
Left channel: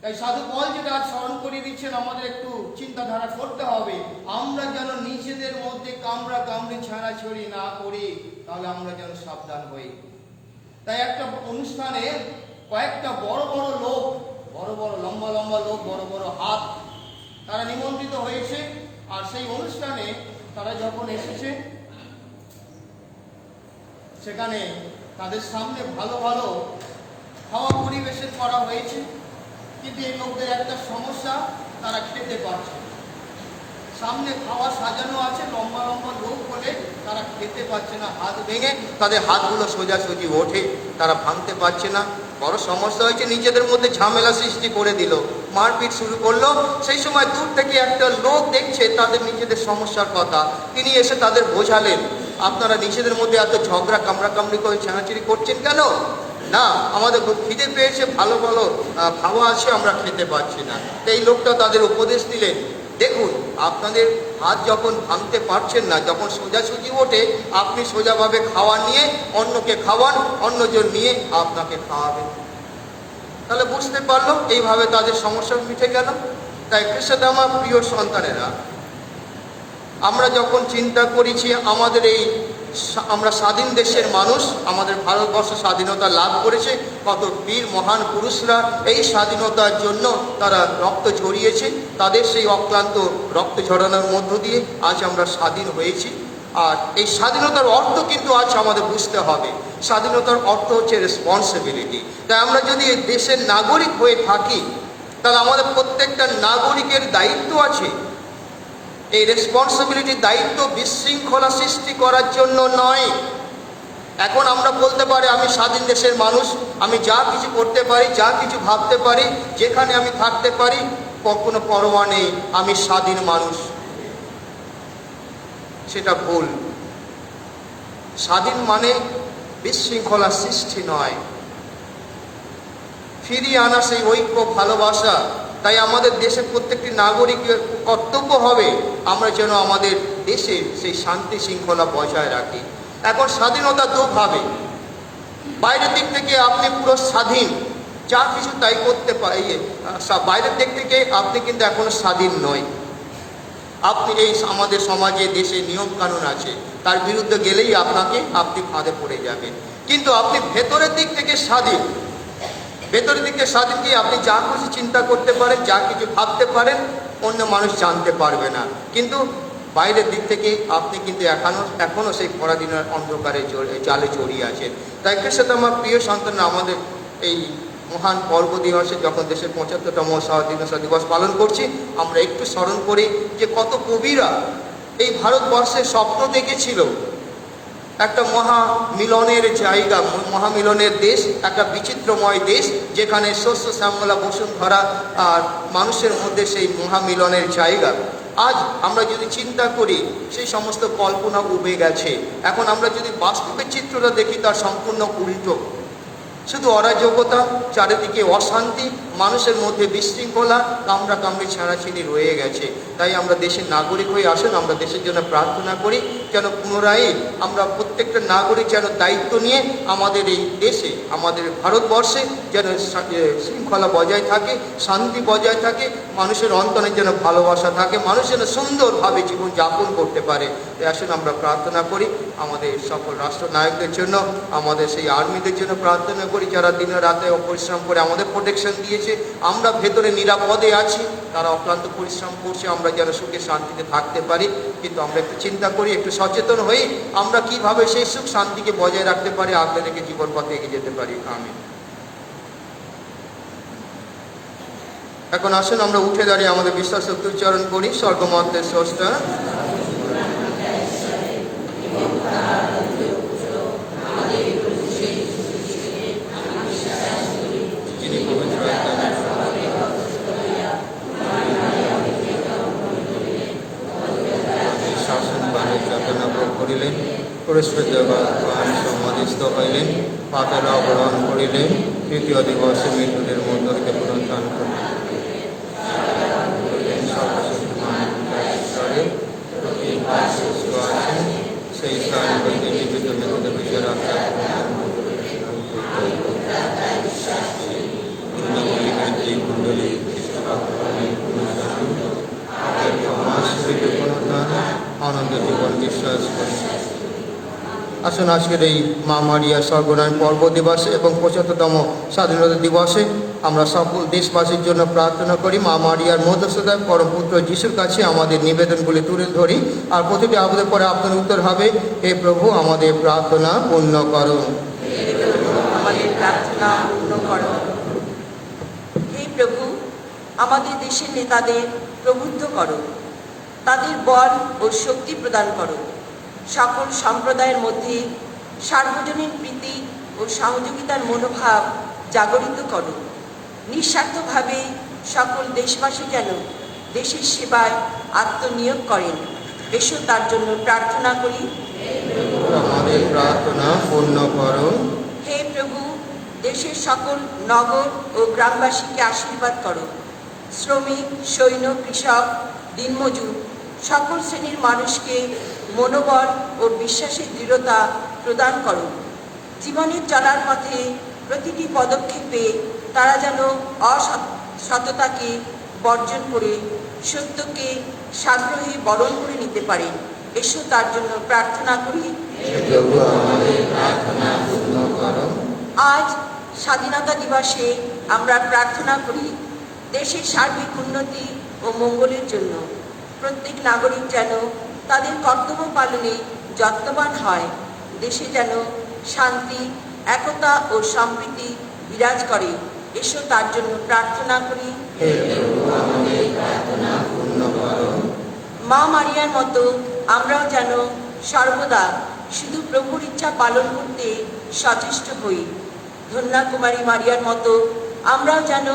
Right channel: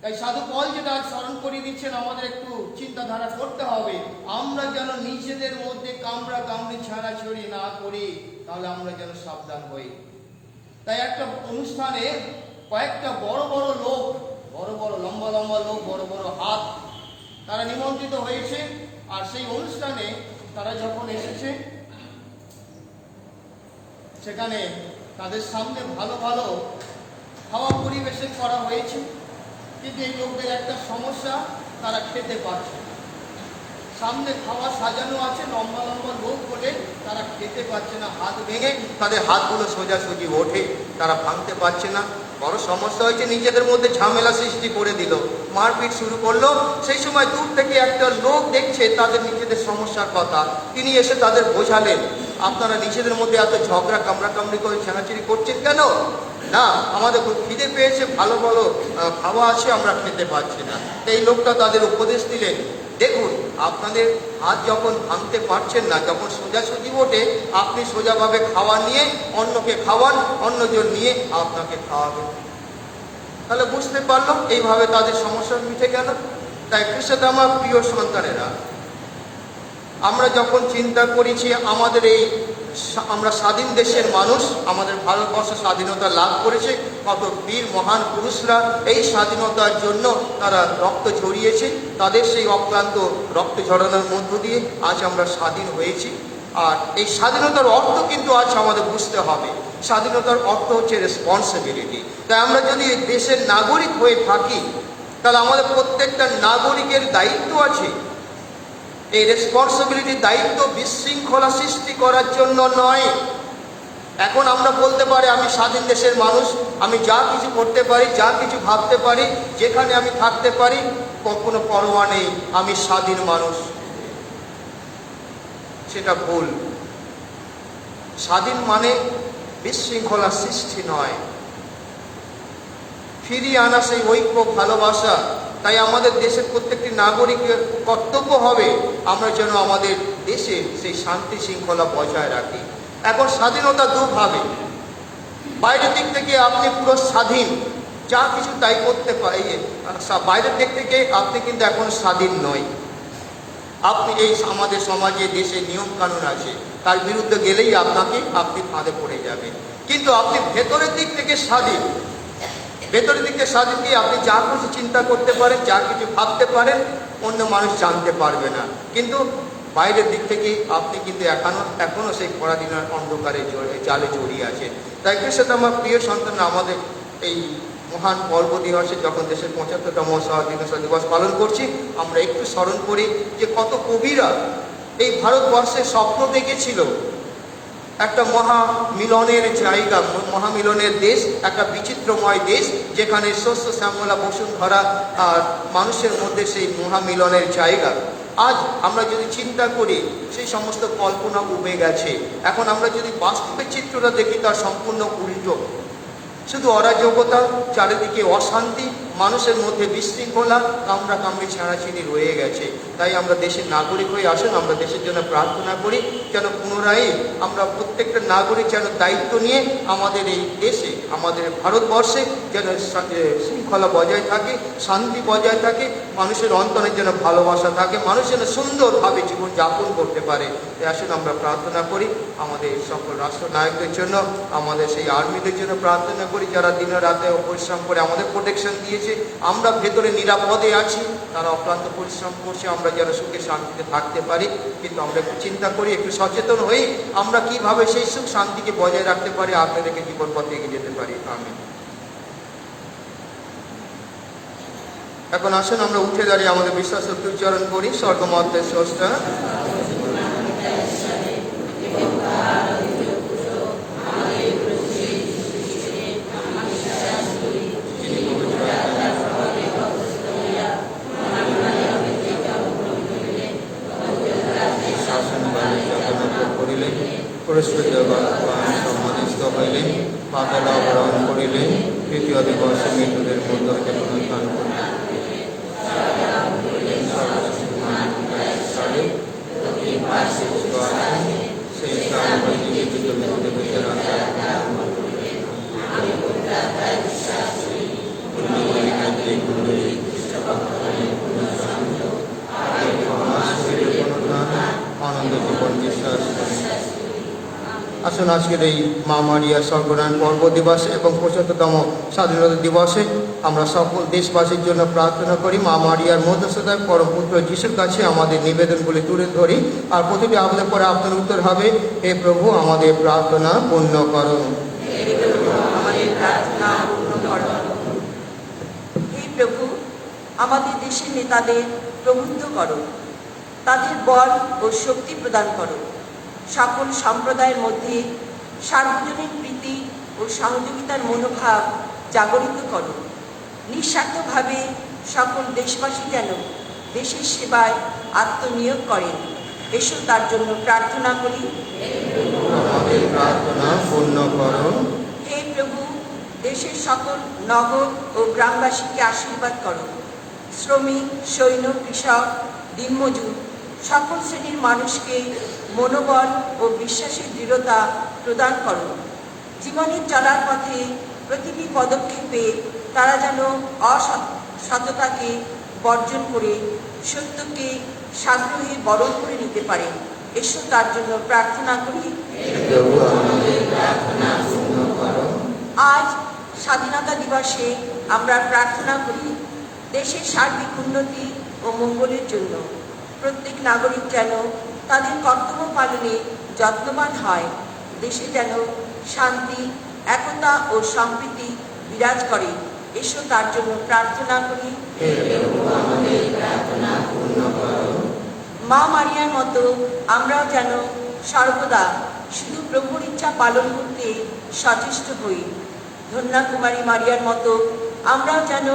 তাই সাধু পল যেটা আজ স্মরণ করিয়ে দিচ্ছেন, আমাদের একটু চিন্তাধারা করতে হবে, আমরা যেন নিজেদের মধ্যে কামড়া কামড়ি ছাড়াছড়ি না করি, তাহলে আমরা যেন সাবধান হই। তাই একটা অনুষ্ঠানে কয়েকটা বড় বড় লোক, বড় বড় লম্বা লম্বা লোক, বড় বড় হাত, তারা নিমন্ত্রিত হয়েছে। আর সেই অনুষ্ঠানে তারা যখন এসেছে, সেখানে তাদের সামনে ভালো ভালো খাওয়া পরিবেশন করা হয়েছে, কিন্তু এই লোকদের একটা সমস্যা, তারা খেতে পারছে। সামনে খাওয়া সাজানো আছে, লম্বা লম্বা লোক বলে তারা খেতে পারছে না। হাত ভেঙে তাদের হাতগুলো সোজাসুজি ওঠে, তারা ভাঙতে পারছে না। বড় সমস্যা হয়েছে, নিজেদের মধ্যে ঝামেলা সৃষ্টি করে দিল, মারপিট শুরু করলো। সেই সময় দূর থেকে একটা লোক দেখছে তাদের নিজেদের সমস্যার কথা, তিনি এসে তাদের বোঝালেন, আপনারা নিজেদের মধ্যে এত ঝগড়া কামড়াকামড়ি করে ছেঁড়াছিড়ি করছেন কেন? না, আমাদের খুব খিদে পেয়েছে, ভালো ভালো খাওয়া আছে, আমরা খেতে পারছি না। এই লোকটা তাদের উপদেশ দিলেন, দেখুন আপনাদের ভাত যখন ভাঙতে পারছেন না, যখন সোজাসুজি ওঠে, আপনি সোজাভাবে খাওয়া নিয়ে অন্যকে খাওয়ান, অন্যজন নিয়ে আপনাকে খাওয়াবেন। তাহলে বুঝতে পারলাম এইভাবে তাদের সমস্যা মিটে গেল। তাই খ্রিস্টধর্ম আমার প্রিয় সন্তানেরা, আমরা যখন চিন্তা করেছি আমাদের আমরা স্বাধীন দেশের মানুষ, আমাদের ভারতবর্ষ স্বাধীনতা লাভ করেছে, কত বীর মহান পুরুষরা এই স্বাধীনতার জন্য তারা রক্ত ঝরিয়েছে, তাদের সেই অক্লান্ত রক্ত ঝরানোর মধ্য দিয়ে আজ আমরা স্বাধীন হয়েছি। আর এই স্বাধীনতার অর্থ কিন্তু আজ আমাদের বুঝতে হবে। স্বাধীনতার অর্থ হচ্ছে রেসপন্সিবিলিটি। তাই আমরা যদি এই দেশের নাগরিক হয়ে থাকি, তাহলে আমাদের প্রত্যেকটা নাগরিকের দায়িত্ব আছে। এই রেসপন্সিবিলিটি, দায়িত্ব বিশৃঙ্খলা সৃষ্টি করার জন্য নয়। এখন আমরা বলতে পারি আমি স্বাধীন দেশের মানুষ, আমি যা কিছু করতে পারি, যা কিছু ভাবতে পারি, যেখানে আমি থাকতে পারি, কখনো পরোয়া নেই, আমি স্বাধীন মানুষ। সেটা ভুল। স্বাধীন মানে বিশৃঙ্খলা সৃষ্টি নয়, ফিরিয়ে আনা সেই ঐক্য, ভালোবাসা। তাই আমাদের দেশের প্রত্যেকটি নাগরিকের কর্তব্য হবে আমরা যেন আমাদের দেশে সেই শান্তি শৃঙ্খলা বজায় রাখি। এখন স্বাধীনতা দুভাবে, বাইরের দিক থেকে আপনি পুরো স্বাধীন, যা কিছু তাই করতে পারি। বাইরের দিক থেকে আপনি কিন্তু এখন স্বাধীন নয়। আপনি এই আমাদের সমাজে, দেশে নিয়ম কানুন আছে, তার বিরুদ্ধে গেলেই আপনি ফাঁদে পড়ে যাবেন। কিন্তু আপনি ভেতরের দিক থেকে স্বাধীন। ভেতরের দিকে স্বাধীন দিয়ে আপনি যা কিছু চিন্তা করতে পারেন, যা কিছু ভাবতে পারেন, অন্য মানুষ জানতে পারবে না। কিন্তু বাইরের দিক থেকে আপনি কিন্তু এখনো সেই পরাধীনের অন্ধকারে জালে জড়িয়ে আছেন। তাই সাথে আমার প্রিয় সন্তান, আমাদের এই মহান পর্ব দিবসে যখন দেশের ৭৫তম স্বাধীনতা দিবস পালন করছি, আমরা একটু স্মরণ করি যে কত কবিরা এই ভারতবর্ষের স্বপ্ন দেখেছিল একটা মহামিলনের জায়গা, মহামিলনের দেশ, একটা বিচিত্রময় দেশ, যেখানে শস্য শ্যামলা বসুন্ধরা আর মানুষের মধ্যে সেই মহামিলনের জায়গা। আজ আমরা যদি চিন্তা করি, সেই সমস্ত কল্পনা উবে গেছে। এখন আমরা যদি বাস্তবের চিত্রটা দেখি, তার সম্পূর্ণ উল্টো। শুধু অরাজকতা, চারিদিকে অশান্তি, মানুষের মধ্যে বিশৃঙ্খলা, কামড়ি ছাড়াছিড়ি রয়ে গেছে। তাই আমরা দেশের নাগরিক হয়ে আসুন, আমরা দেশের জন্য প্রার্থনা করি যেন পুনরায় আমরা প্রত্যেকটা নাগরিক যেন দায়িত্ব নিয়ে আমাদের এই দেশে, আমাদের ভারতবর্ষে যেন শৃঙ্খলা বজায় থাকে, শান্তি বজায় থাকে, মানুষের অন্তরে যেন ভালোবাসা থাকে, মানুষ যেন সুন্দরভাবে জীবনযাপন করতে পারে। তাই আসুন আমরা প্রার্থনা করি আমাদের সকল রাষ্ট্রনায়কদের জন্য, আমাদের সেই আর্মিদের জন্য প্রার্থনা করি, যারা দিনে রাতে পরিশ্রম করে আমাদের প্রোটেকশন দিয়েছে। আমরা ভেতরে নিরাপদে আছি, তারা অক্লান্ত পরিশ্রম করছে, আমরা যেন সুখে শান্তিতে থাকতে পারি। কিন্তু আমরা একটু চিন্তা করি, একটু সচেতন হয়ে আমরা কিভাবে সেই সুখ শান্তিকে বজায় রাখতে পারি, আপনাদেরকে জীবন পথে এগিয়ে যেতে পারি। আমিন। এখন আসুন আমরা উঠে দাঁড়িয়ে আমাদের বিশ্বাস উচ্চারণ করি। স্বর্গমতের স্রষ্টা, সমাধিস্থ হইলেন, পাতাল গ্রহণ করিলেন, তৃতীয় দিবসে মৃত্যুদের মধ্য থেকে পুনরুত্থান সেই আনন্দ জীবন বিশ্বাস করেন। আসুন আজকের এই মা মারিয়া স্বর্গরায়ণ পর্ব দিবসে এবং ৭৫তম স্বাধীনতা দিবসে আমরা সকল দেশবাসীর জন্য প্রার্থনা করি। মা মারিয়ার মধ্যস্থতায় পরমপুত্র যিশুর কাছে আমাদের নিবেদনগুলি তুলে ধরি, আর প্রতিটি আমাদের পরে আপনার উত্তর হবে, হে প্রভু আমাদের প্রার্থনা পূর্ণ করুন। হে প্রভু, আমাদের দেশের নেতাদের প্রবুদ্ধ করো, তাদের বল ও শক্তি প্রদান করো, সকল সম্প্রদায়ের মধ্যে সার্বজনীন প্রীতি ও সহযোগিতার মনোভাব জাগরিত করো। নিঃস্বার্থভাবে সকল দেশবাসী যেন দেশের সেবায় আত্মনিয়োগ করেন। এসো তার জন্য প্রার্থনা করি। আমাদের প্রার্থনা পূর্ণ করো। হে প্রভু, দেশের সকল নগর ও গ্রামবাসীকে আশীর্বাদ করো। শ্রমিক, সৈন্য, কৃষক, দিনমজুর সকল শ্রেণীর মানুষকে মনোবল ও বিশ্বাসের দৃঢ়তা প্রদান করো। জীবনের চলার পথে প্রতিটি পদক্ষেপে তারা যেন অসততাকে বর্জন করে সত্যকে সাগ্রহে বরণ করে নিতে পারে। এসো তার জন্য প্রার্থনা করি। আজ স্বাধীনতা দিবসে আমরা প্রার্থনা করি দেশের সার্বিক উন্নতি ও মঙ্গলের জন্য। প্রত্যেক নাগরিক যেন তাদের কর্তব্য পালনে যত্নবান হয়। দেশে যেন শান্তি, একতা ও সম্প্রীতি বিরাজ করে। এসো তার জন্য প্রার্থনা করি। মা মারিয়ার মতো আমরাও যেন সর্বদা শুধু প্রভুর ইচ্ছা পালন করতে সচেষ্ট হই। ধন্যা কুমারী মারিয়ার মতো আমরাও যেন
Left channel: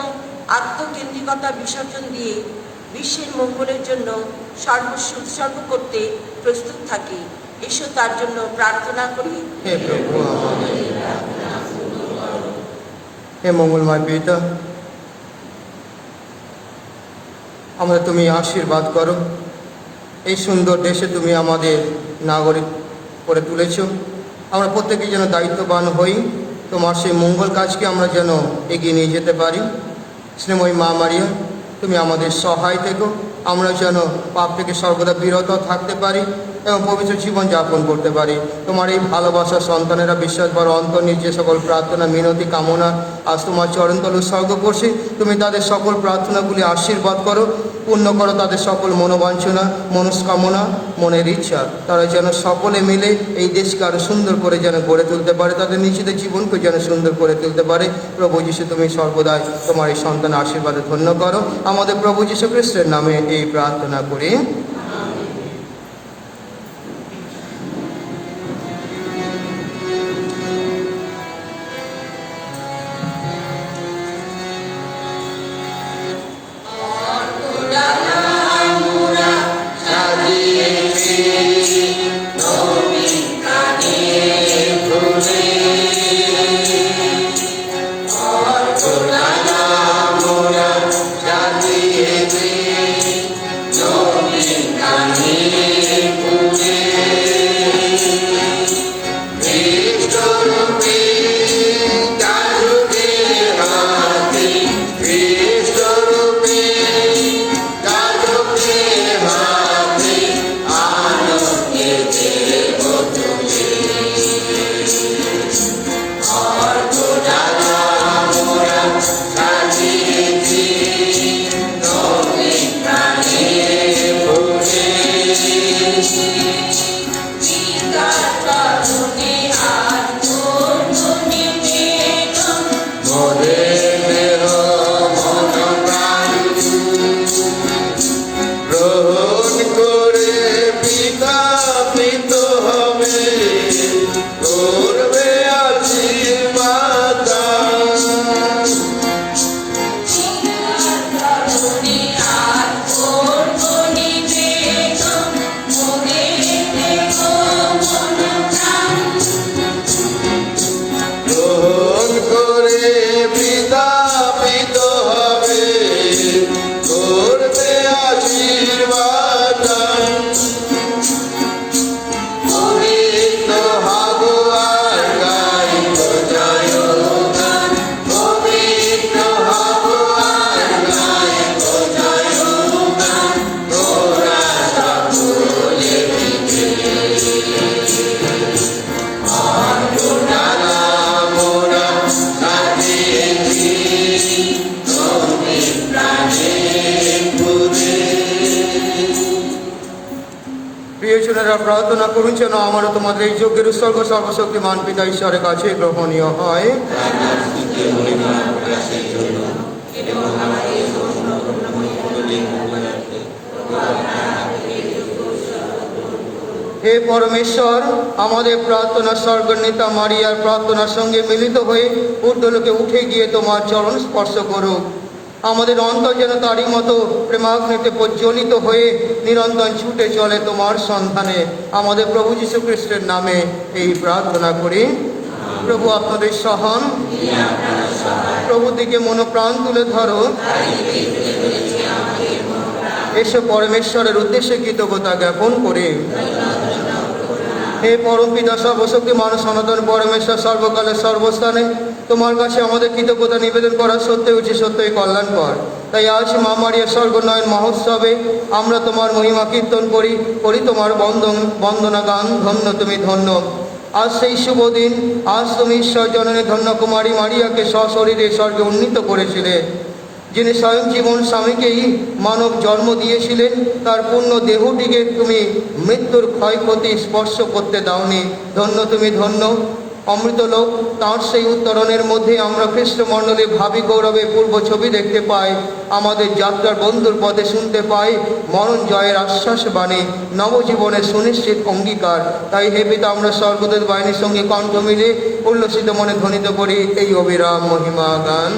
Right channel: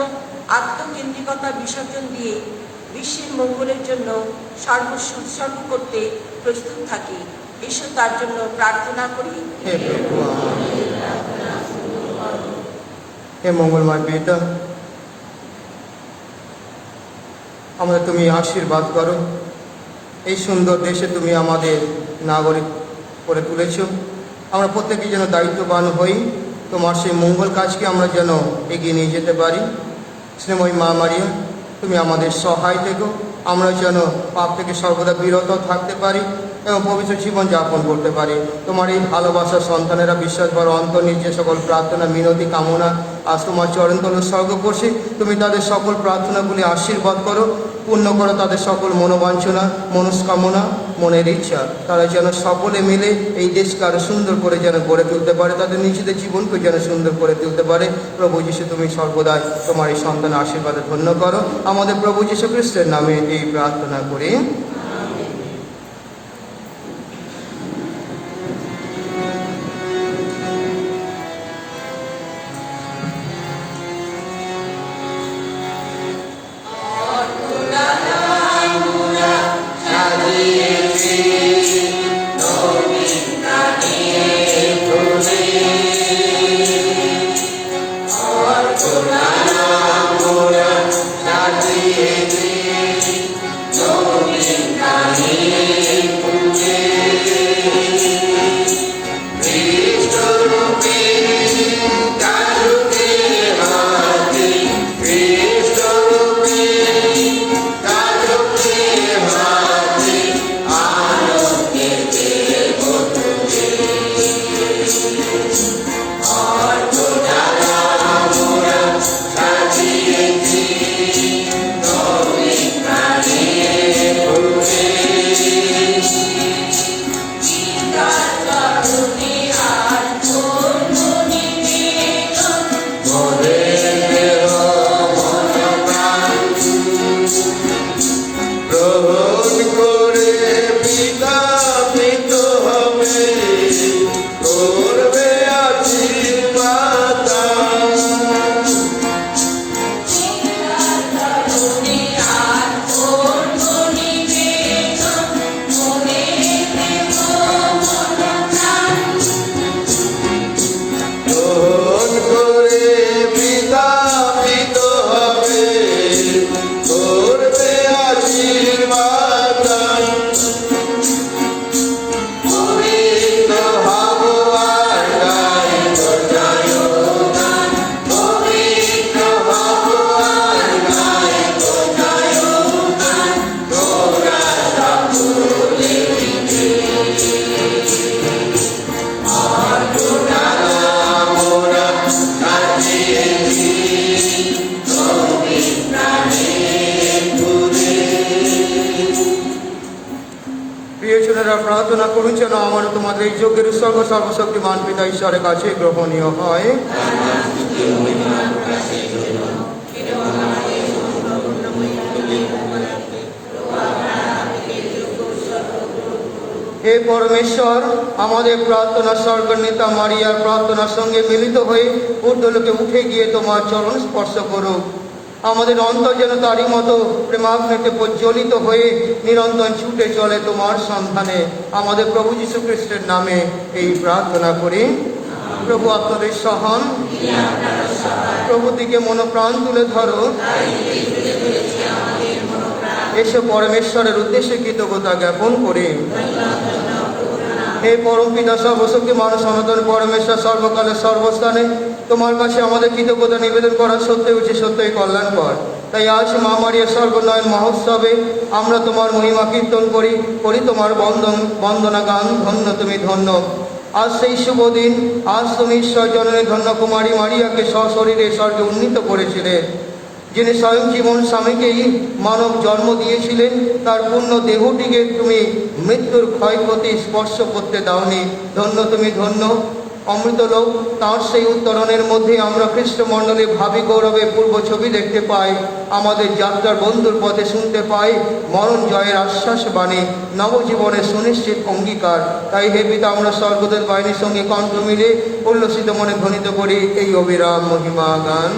আত্মকেন্দ্রিকতা বিসর্জন দিয়ে বিশ্বের মঙ্গলের জন্য সর্বস্ব উৎসর্গ করতে প্রস্তুত থাকি। এসো তার জন্য প্রার্থনা করি। হে মঙ্গলময় পিতা, আমরা তুমি আশীর্বাদ করো। এই সুন্দর দেশে তুমি আমাদের নাগরিক করে তুলেছ। আমরা প্রত্যেকে যেন দায়িত্ববান হই, তোমার সেই মঙ্গল কাজকে আমরা যেন এগিয়ে নিয়ে যেতে পারি। স্নেহময়ী মা মারিয়া, তুমি আমাদের সহায় থেকো। আমরা যেন পাপ থেকে সর্বদা বিরত থাকতে পারি এবং পবিত্র জীবন যাপন করতে পারি। তোমার এই ভালোবাসার সন্তানেরা বিশ্বাস বড় অন্তর নিয়ে যে সকল প্রার্থনা, মিনতি, কামনা আজ তোমার চরণতলে উৎসর্গ করছি, তুমি তাদের সকল প্রার্থনাগুলি আশীর্বাদ করো, পূর্ণ করো তাদের সকল মনোবাঞ্ছনা, মনস্কামনা, মনের ইচ্ছা। তারা যেন সকলে মিলে এই দেশকে আরো সুন্দর করে যেন গড়ে তুলতে পারে, তাদের নিজেদের জীবনকে যেন সুন্দর করে তুলতে পারে। প্রভু যীশু, তুমি সর্বদাই তোমার এই সন্তানের আশীর্বাদে ধন্য করো। আমাদের প্রভু যীশু খ্রিস্টের নামে এই প্রার্থনা করি। প্রিয়জনেরা, প্রার্থনা করুন যেন আমার তোমাদের এই যজ্ঞের সর্বশক্তিমান পিতা ঈশ্বরের কাছে গ্রহণীয় হয়। হে পরমেশ্বর, আমাদের প্রার্থনা স্বর্গনেতা মারিয়ার প্রার্থনার সঙ্গে মিলিত হয়ে ঊর্ধ্বলোকে উঠে গিয়ে তোমার চরণ স্পর্শ করো। আমাদের অন্তর যেন তারই মতো প্রেমাগ্নিতে প্রজ্বলিত হয়ে নিরন্তর ছুটে চলে তোমার সন্ধানে। আমাদের প্রভু যীশু খ্রিস্টের নামে এই প্রার্থনা করি। প্রভু আপনাদের সহন, প্রভু দিকে মনোপ্রাণ তুলে ধরো। এসো পরমেশ্বরের উদ্দেশ্যে কৃতজ্ঞতা জ্ঞাপন করে। হে পরম পিতা সর্বশক্তি মানুষ সনাতন পরমেশ্বর সর্বকালে সর্বস্থানে তোমার কাছে আমাদের কৃতজ্ঞতা নিবেদন করা সত্যি উচিত, সত্যই কল্যাণকর। তাই আজ মা মারিয়ার স্বর্গোন্নয়ন মহোৎসবে আমরা তোমার মহিমা কীর্তন করি তোমার বন্দনা গান, ধন্য তুমি ধন্য। আজ সেই শুভ দিন, আজ তুমি ঈশ্বর জননী ধন্য কুমারী মারিয়াকে সশরীরে স্বর্গে উন্নীত করেছিলে। যিনি স্বয়ং জীবন স্বামীকেই মানব জন্ম দিয়েছিলেন, তার পূর্ণ দেহটিকে তুমি মৃত্যুর ক্ষয়ক্ষতি স্পর্শ করতে দাওনি। ধন্য তুমি ধন্য। অমৃতলোক তাঁর সেই উত্তরণের মধ্যে আমরা খ্রিস্টমণ্ডলী ভাবি গৌরবে পূর্ব ছবি দেখতে পাই। আমাদের যাত্রার বন্ধুর পথে শুনতে পাই মরণ জয়ের আশ্বাস বাণী, নবজীবনের সুনিশ্চিত অঙ্গীকার। তাই হে পিতা, আমরা স্বর্গদূত বাহিনীর সঙ্গে কণ্ঠ মিলে উল্লসিত মনে ধ্বনিত করি এই অবিরাম মহিমা গান।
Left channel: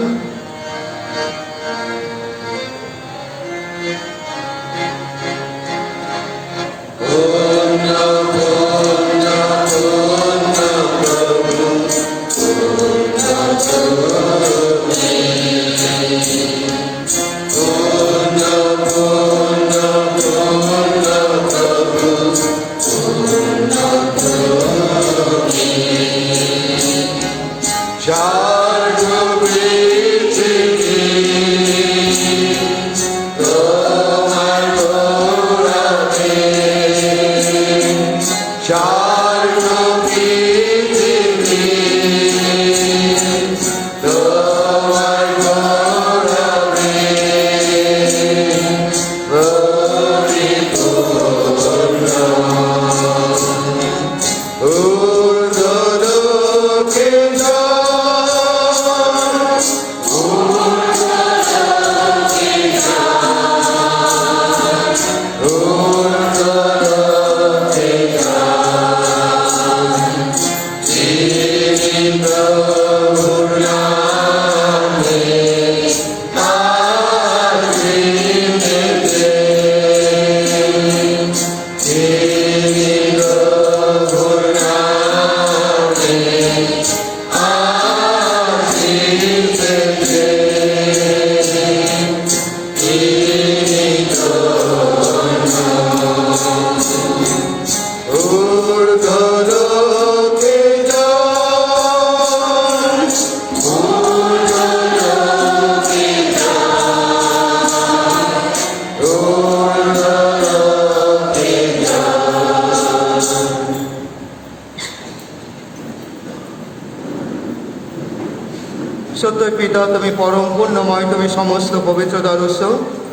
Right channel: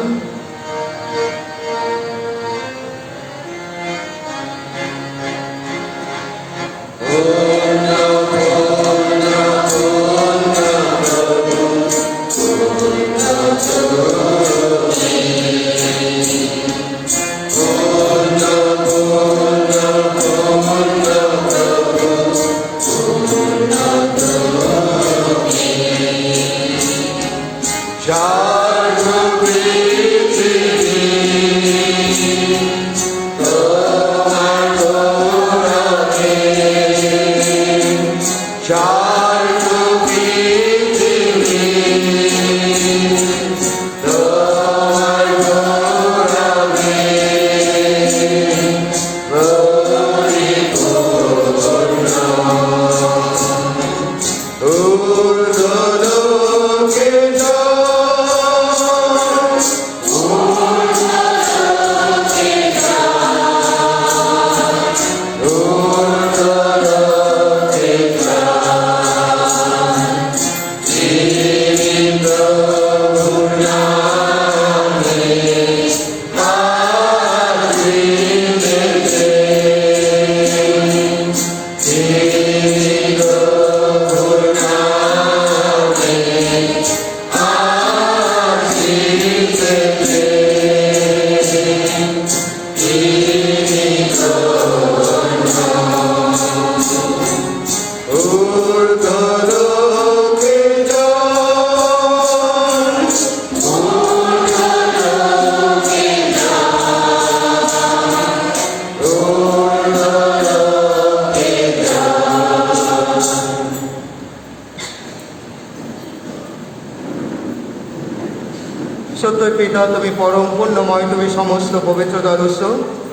সত্যই পিতা, তুমি পরম পুণ্যময়, তুমি সমস্ত পবিত্রতার উৎস।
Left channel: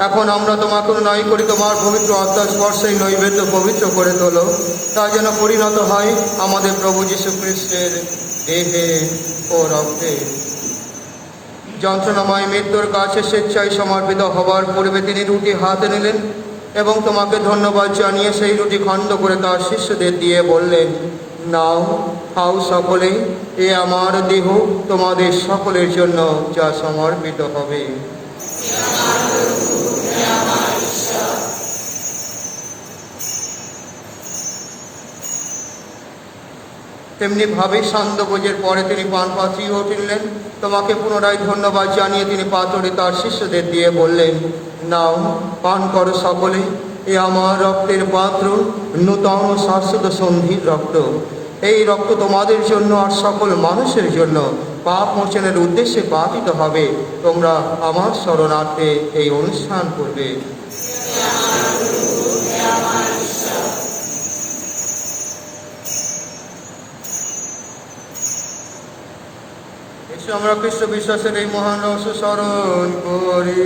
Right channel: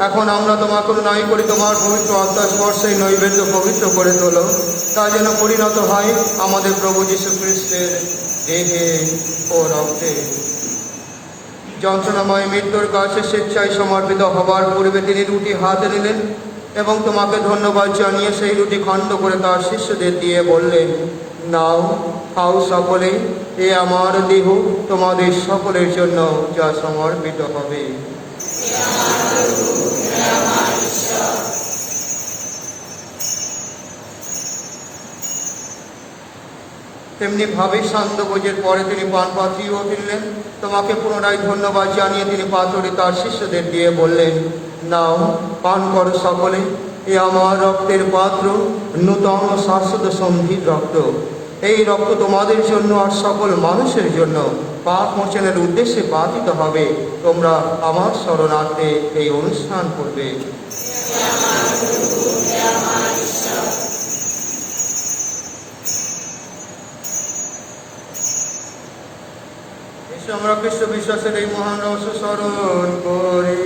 এখন আমরা তোমার করুণাই করি, তোমার পবিত্র আত্মার স্পর্শে নৈবেদ্য পবিত্র করে তোলো। তাই যেন পরিণত হয় আমাদের প্রভু যীশু খ্রিস্টের দেহে ও রক্তে। যন্ত্রণাময় মৃত্যুর কাছে স্বেচ্ছায় সমর্পিত হবার পূর্বে তিনি রুটি হাতে নিলেন এবং তোমাকে ধন্যবাদ জানিয়ে সেই রুটি খণ্ড করে তার শিষ্যদের দিয়ে বললেন, নাও, খাও সকলে, এ আমার দেহ তোমাদের সকলের জন্য যা সমর্পিত হবে। তেমনি ভাবে শান্ত ভোজের পরে তিনি পান পাত্রীও উঠিলেন। তোমাকে পুনরায় ধন্যবাদ জানিয়ে তিনি পাথরে তার শিষ্যদের দিয়ে বললেন, নাও, পান করো সকলে, এ আমার রক্তের পাত্র, নূতন শাশ্বত সন্ধির রক্ত। এই রক্ত তোমাদের জন্য আর সকল মানুষের জন্য পাপ মোচনের উদ্দেশ্যে পাতিত হবে। তোমরা আমার শরণার্থে এই অনুষ্ঠান করবে। এসে আমরা খ্রিস্ট বিশ্বাসের এই মহান রহস্য স্মরণ করি।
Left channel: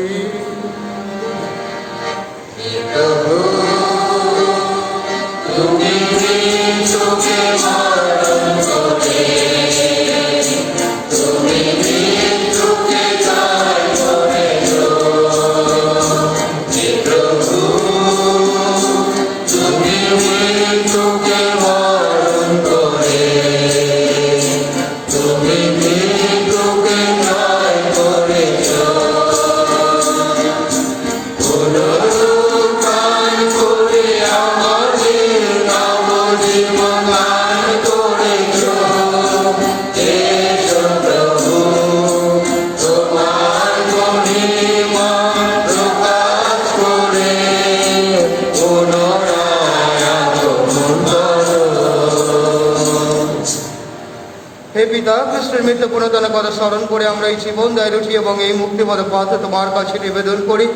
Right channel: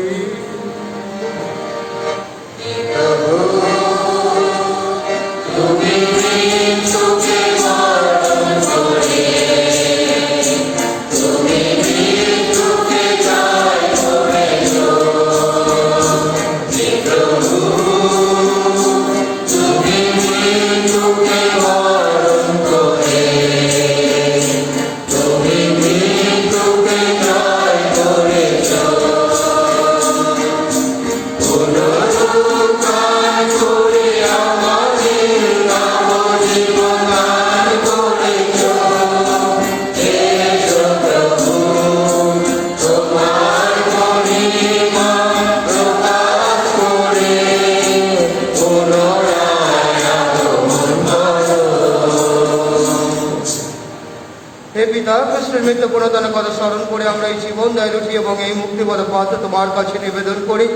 হে পিতা, খ্রিস্টের মৃত্যু পুনরুত্থানের কথা স্মরণ করে আমরা এই জীবন দায় রুটি এবং এই মুক্তিপদ পথ তোমার কাছে নিবেদন করি।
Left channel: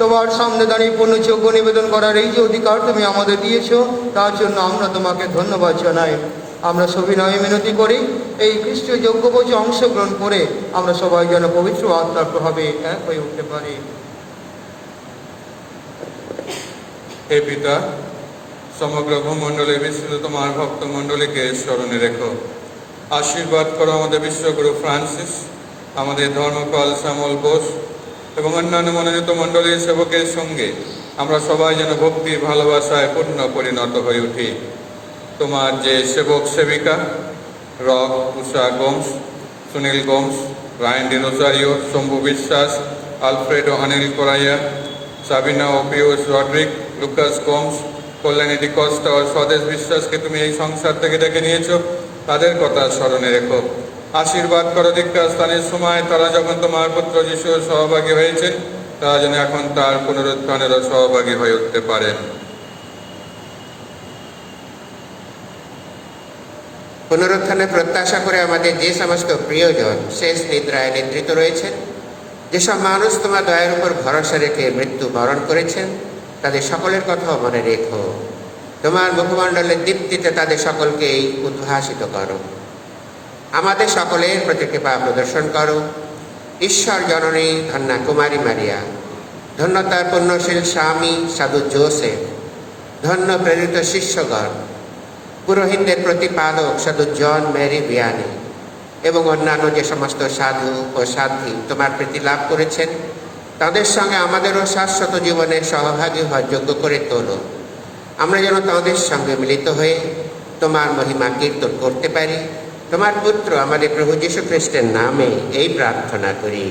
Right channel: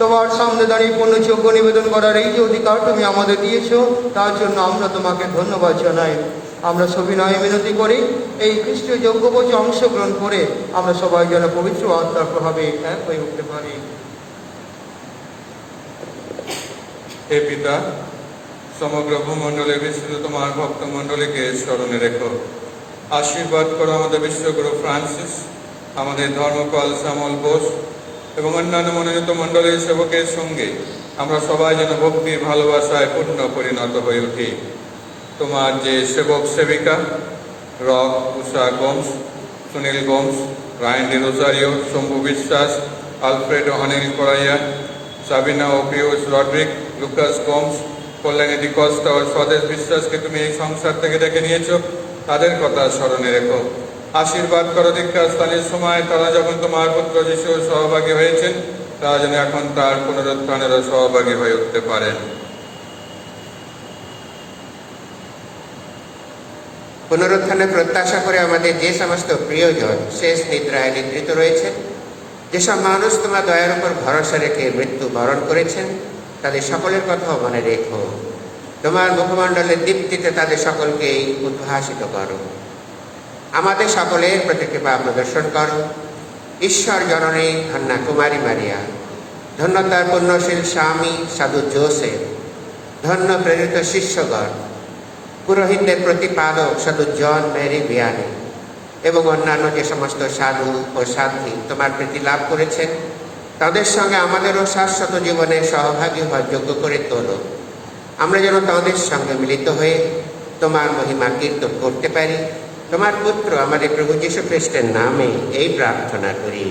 তোমার সামনে দাঁড়িয়ে পূর্ণযোগ্য নিবেদন করার এই যে অধিকার তুমি আমাদের দিয়েছো, তার জন্য আমরা তোমাকে ধন্যবাদ জানাই। আমরা সবিনয়ে মিনতি করি, এই খ্রিস্টীয় যজ্ঞভোজে অংশগ্রহণ করে আমরা সবাই যেন পবিত্র আত্মার প্রভাবে এক হয়ে উঠতে পারি। হে পিতা, সমগ্র ভূমণ্ডলে বিস্তৃত তোমার ভক্ত মণ্ডলীকে স্মরণে রেখো। আশীর্বাদ করো আমাদের বিশ্বগুরু ফ্রান্সিস, আমাদের ধর্মপাল শ্যামল বোস এবং অন্যান্য মনোনীত মণ্ডলীর সেবকের সঙ্গে আমরা সবাই যেন ভক্তির ভালোবাসায় পূর্ণ পরিণত হয়ে উঠি। তোমার যে সেবক সেবিকা রক, Usha Gomes, Sunil Gomes, Ryan Dinosario, Shambhu Biswas, Alfredo Anil Correia, Sabina ও Piyush Roderick, Lucas Gomes, Kalyani D'Costa ও স্বদেশ বিশ্বাসকে তুমি এই সংসার থেকে ডেকে নিয়েছো, তাদের কথা স্মরণে রেখো। আশীর্বাদ করো দীক্ষাস্থানের সময় তারা যখন তোমার পুত্র যিশুর সহভাগী হয়েছেন, তারা যেন এখন তার পুনরুত্থানেরও সহভাগী হয়ে উঠতে পারেন। পুনরুত্থানের প্রত্যাশা করে আমাদের যে সমস্ত প্রিয়জন শেষ নিদ্রায় নিদ্রিত রয়েছেন, যেসব মানুষ তোমার দয়ার উপর ভরসা রেখে মৃত্যু বরণ করেছেন, তাদের সকলের কথাও মনে রেখো। তোমার মুখমণ্ডলের দীপ্তিতে তাদের সকলকেই উদ্ভাসিত করো। আমাদের সকলের প্রতি কৃপা প্রদর্শন করো। ঈশ্বর জননী ধন্যা কুমারী মারিয়া, ধন্য তার পুণ্যশীল স্বামী সাধু জোসেফ, ধন্য প্রেরিত শিষ্যগণ, পুরোহিতদের প্রতিপাদক সাধু জন মেরি ভিয়ানি এবং অন্যান্য যে সমস্ত সাধু ও সাধ্বী তোমার প্রীতি লাভ করেছেন, তাদের সঙ্গে আমাদেরও শাশ্বত জীবনে সহভাগী হওয়ার যোগ্য করে তোলো। আমরা যেন তাদের সঙ্গে মিলিত হয়ে তোমার মহিমা কীর্তন করতে পারি। তোমার পুত্র আমাদের প্রভু যীশু খ্রিস্টের নামে এই প্রার্থনা করি।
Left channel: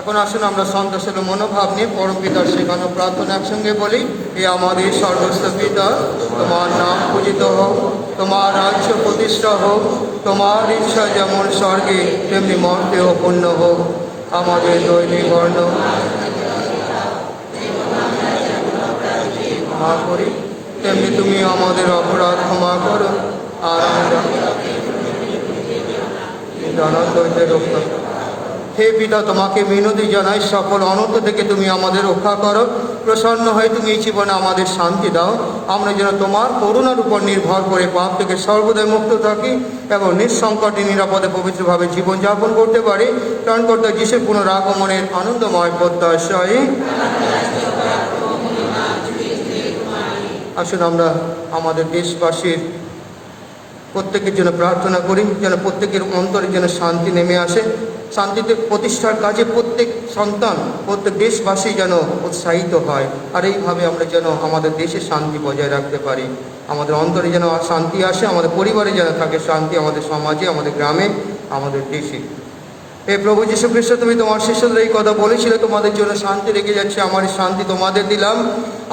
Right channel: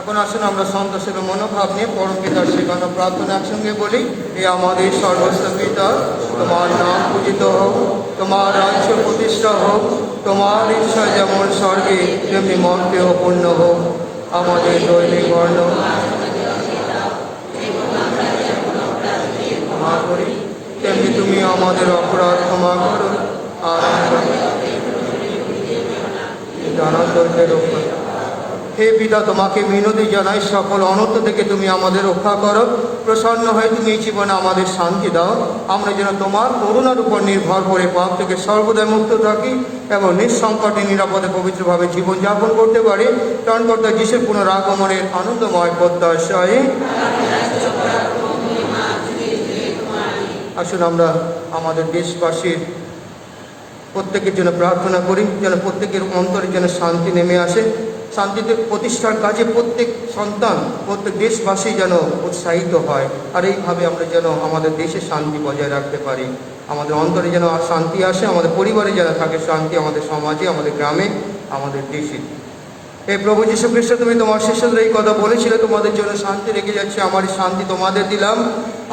এখন আসুন আমরা সন্তোষের মনোভাব নিয়ে পরমপিতার সেবানো প্রার্থনা একসঙ্গে বলি। হে আমাদের সর্বস্ব পিতা, তোমার নাম পূজিত হোক, তোমার রাজ্য প্রতিষ্ঠা হোক, তোমার ইচ্ছা যেমন স্বর্গে তেমনি মর্তেও পূর্ণ হোক। আমাদের দৈনিক অন্ন ক্ষমা করি, তেমনি তুমি আমাদের অপরাধ ক্ষমা করো, আর জানা করতে রক্ষা। হে পিতা, তোমাকে মিনতি জানাই, সকল অনর্থ থেকে তুমি আমাদের রক্ষা করো। প্রসন্ন হয় তুমি এই জীবনে আমাদের শান্তি দাও। আমরা যেন তোমার করুণার উপর নির্ভর করে পাপ থেকে সর্বদাই মুক্ত থাকি এবং নিঃসংকটে নিরাপদে পবিত্রভাবে জীবনযাপন করতে পারি। ত্রাণকর্তা যিশুর পুনরাগমনের আনন্দময় প্রত্যাশায় আসুন আমরা আমাদের দেশবাসীর প্রত্যেকের জন্য প্রার্থনা করি, যেন প্রত্যেকের অন্তরে যেন শান্তি নেমে আসে। শান্তিতে প্রতিষ্ঠার কাজে প্রত্যেক সন্তান, প্রত্যেক দেশবাসী যেন উৎসাহিত হয়। আর এইভাবে আমরা যেন আমাদের দেশে শান্তি বজায় রাখতে পারি। আমাদের অন্তরে যেন শান্তি আসে, আমাদের পরিবারে যেন থাকে শান্তি, আমাদের সমাজে, আমাদের গ্রামে, আমাদের দেশে। এই প্রভু যীশু খ্রিস্ট, তুমি তোমার শিষ্যদের এই কথা বলেছিলে, তোমাদের জন্য শান্তি রেখে যাচ্ছে, আমার শান্তি তোমাদের দিলাম।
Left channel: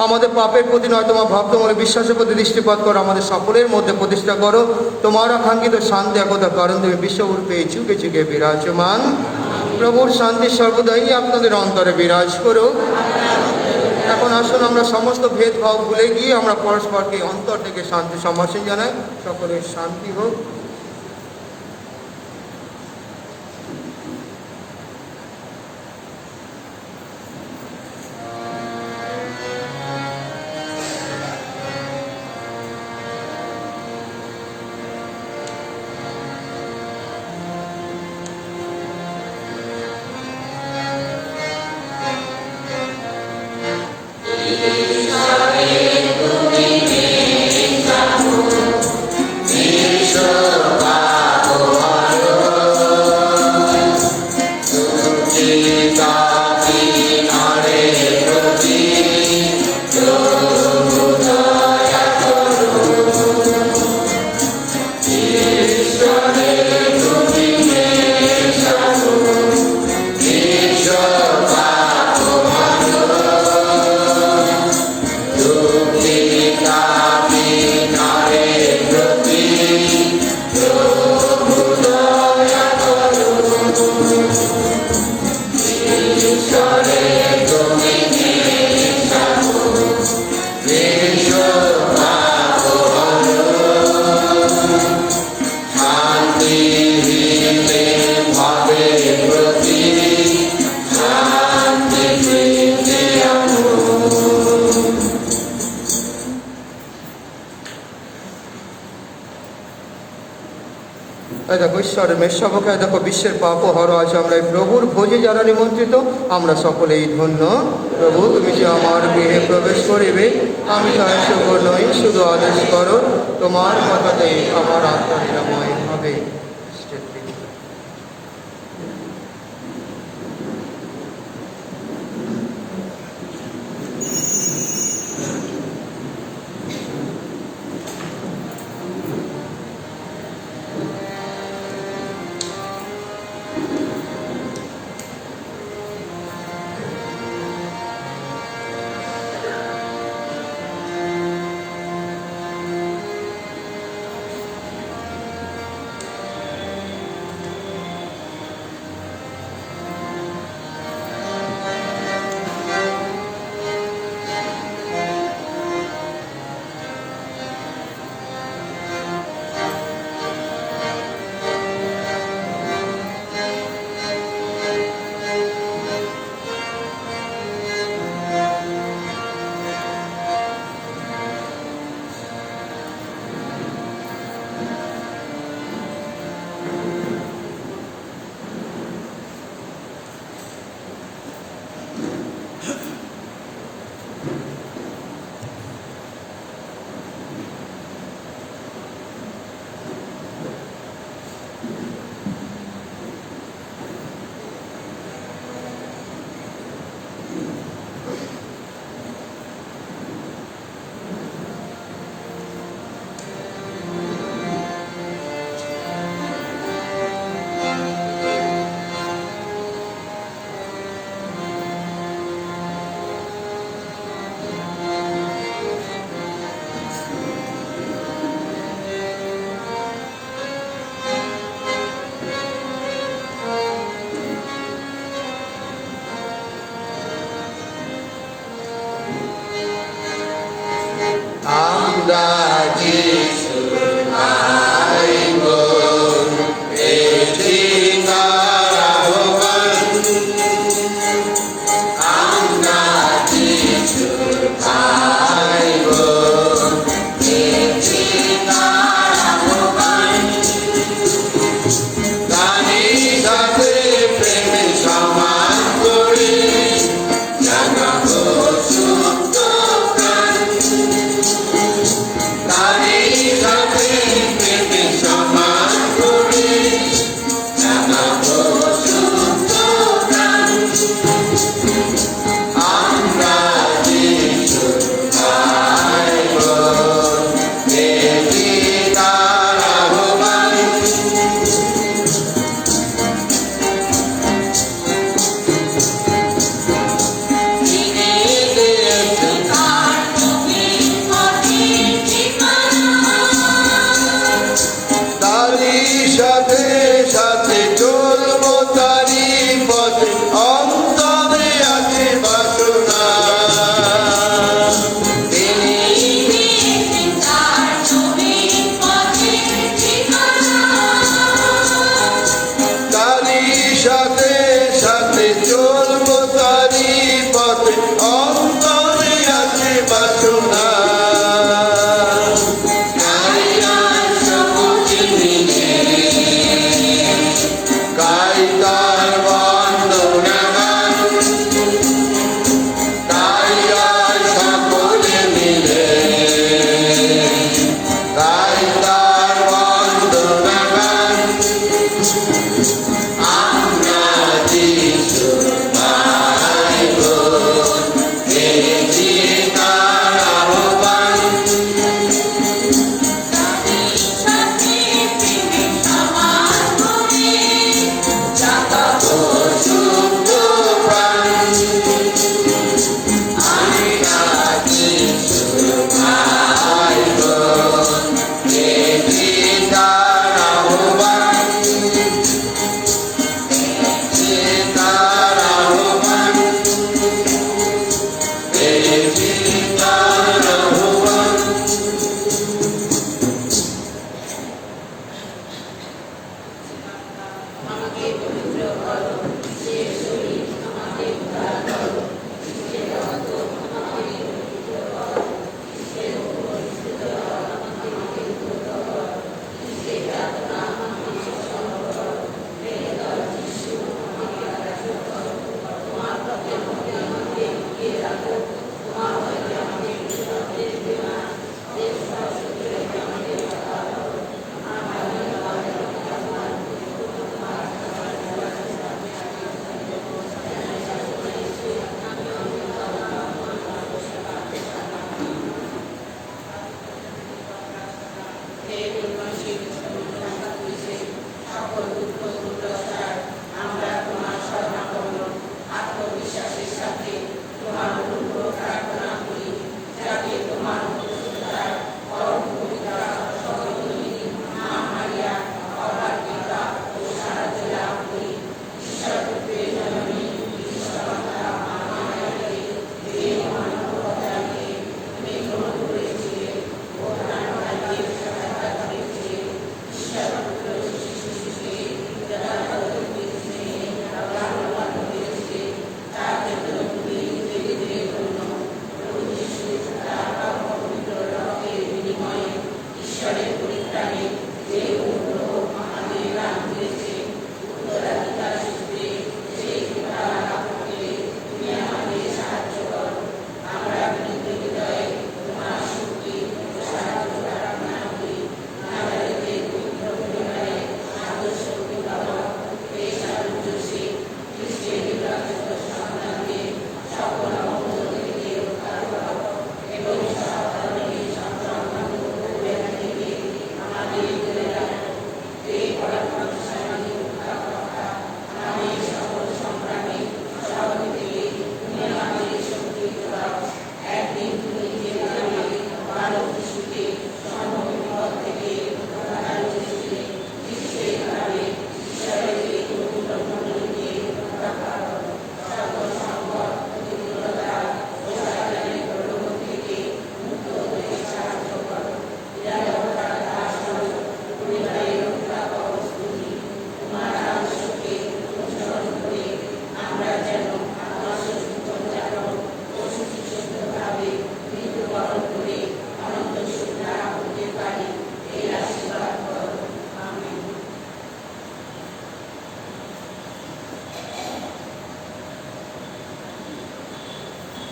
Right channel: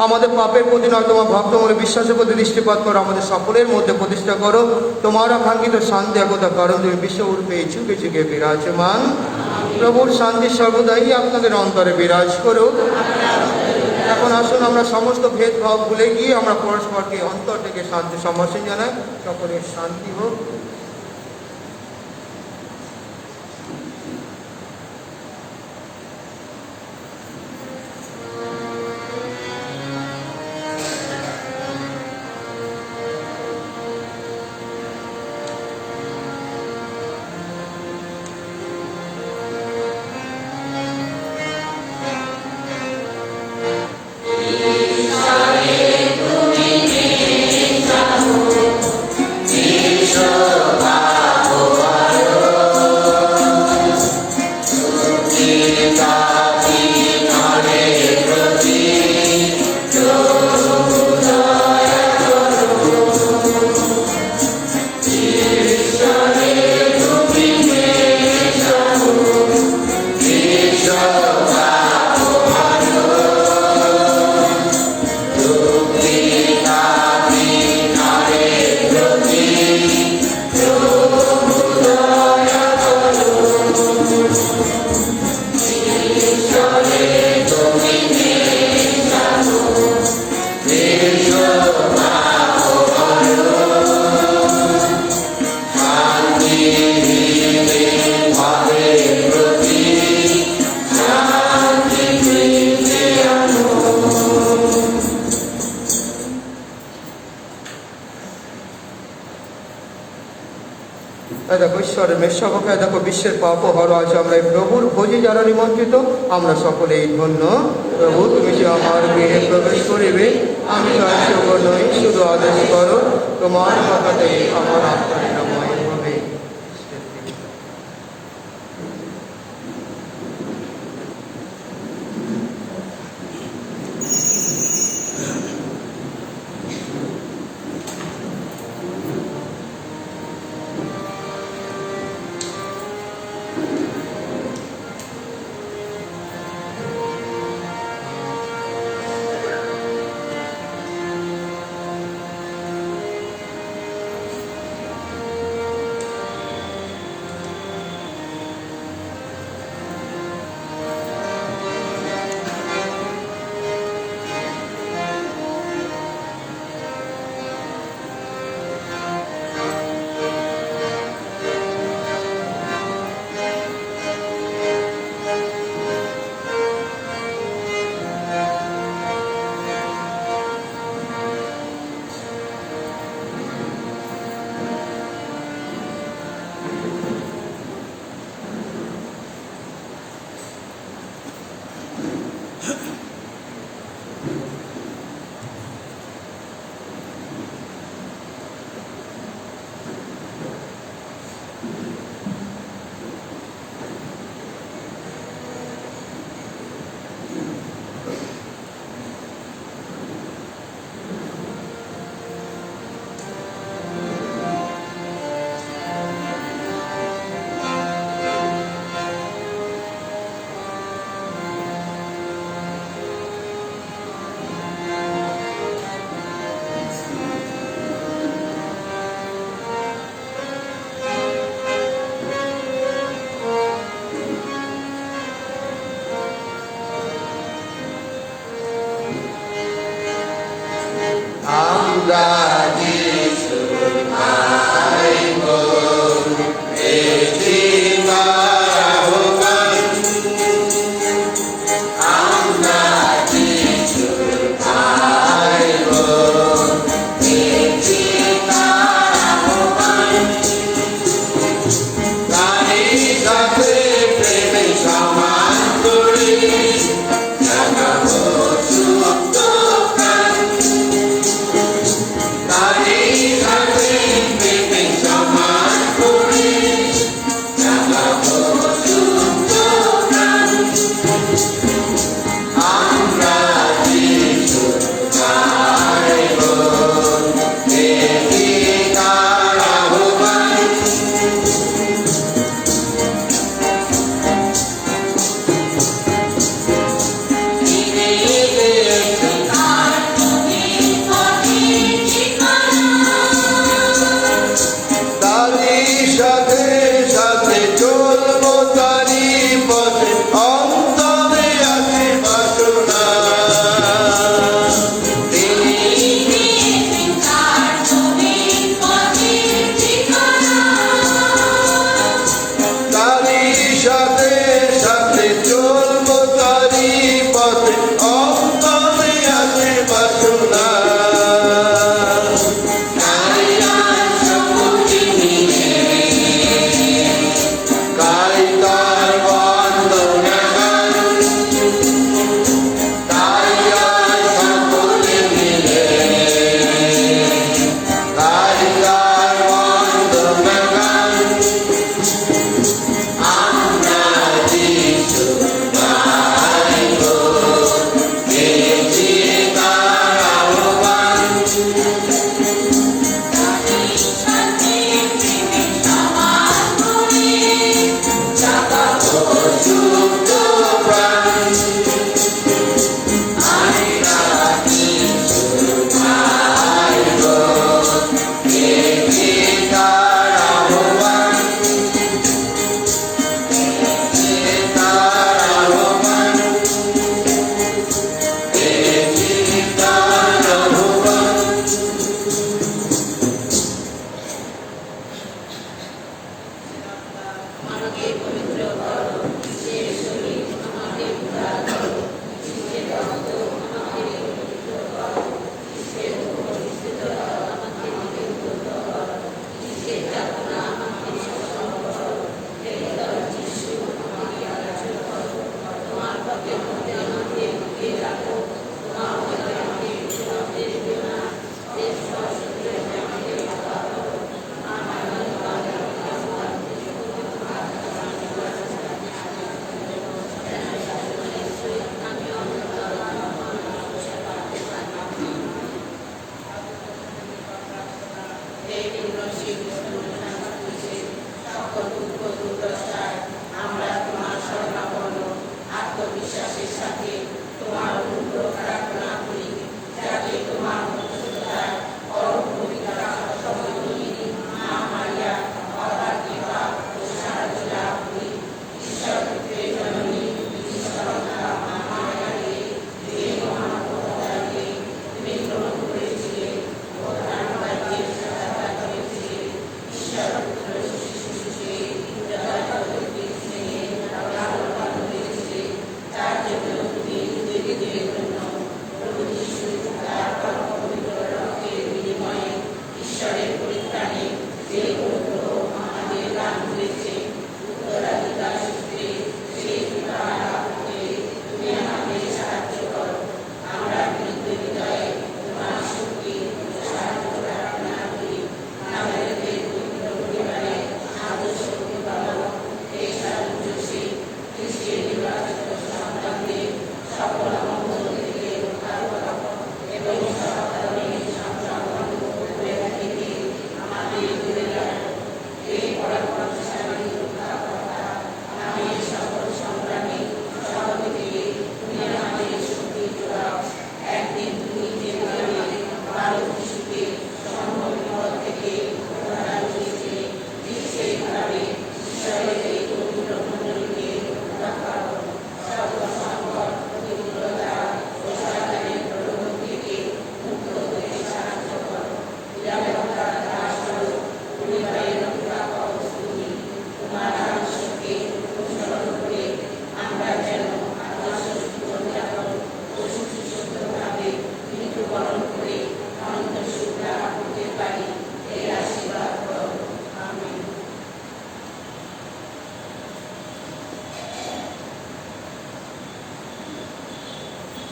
আমাদের পাপের প্রতি নয়, তোমার ভক্তমূলক বিশ্বাসের প্রতি দৃষ্টিপাত করো, আমাদের সকলের মধ্যে প্রতিষ্ঠা করো তোমার আকাঙ্ক্ষিত শান্তি একতা, কারণ তুমি বিশ্বরূপে যুগে যুগে বিরাজমান। প্রভুর শান্তি সর্বদাই আপনাদের অন্তরে বিরাজ করো। এখন আসুন আমরা সমস্ত ভেদভাব ভুলে গিয়ে আমরা পরস্পরকে অন্তর থেকে শান্তি সম্ভাষণ জানাই। সকলের শান্তি হোক। দেখো ঈশ্বরের মেষশাবকে দেখো বিশ্বের পাপ হরা আছে আমরা এই প্রভুর ভোজে যারা নিমন্ত্রিত আমরা সকলেই ধন্য। প্রভু তুমি যে আমার গৃহে প্রবেশ করিবে আমি তার যোগ্য নই, শুধু আদেশ করো তোমার কথাতে আমার আত্মা নিরাময় হবে।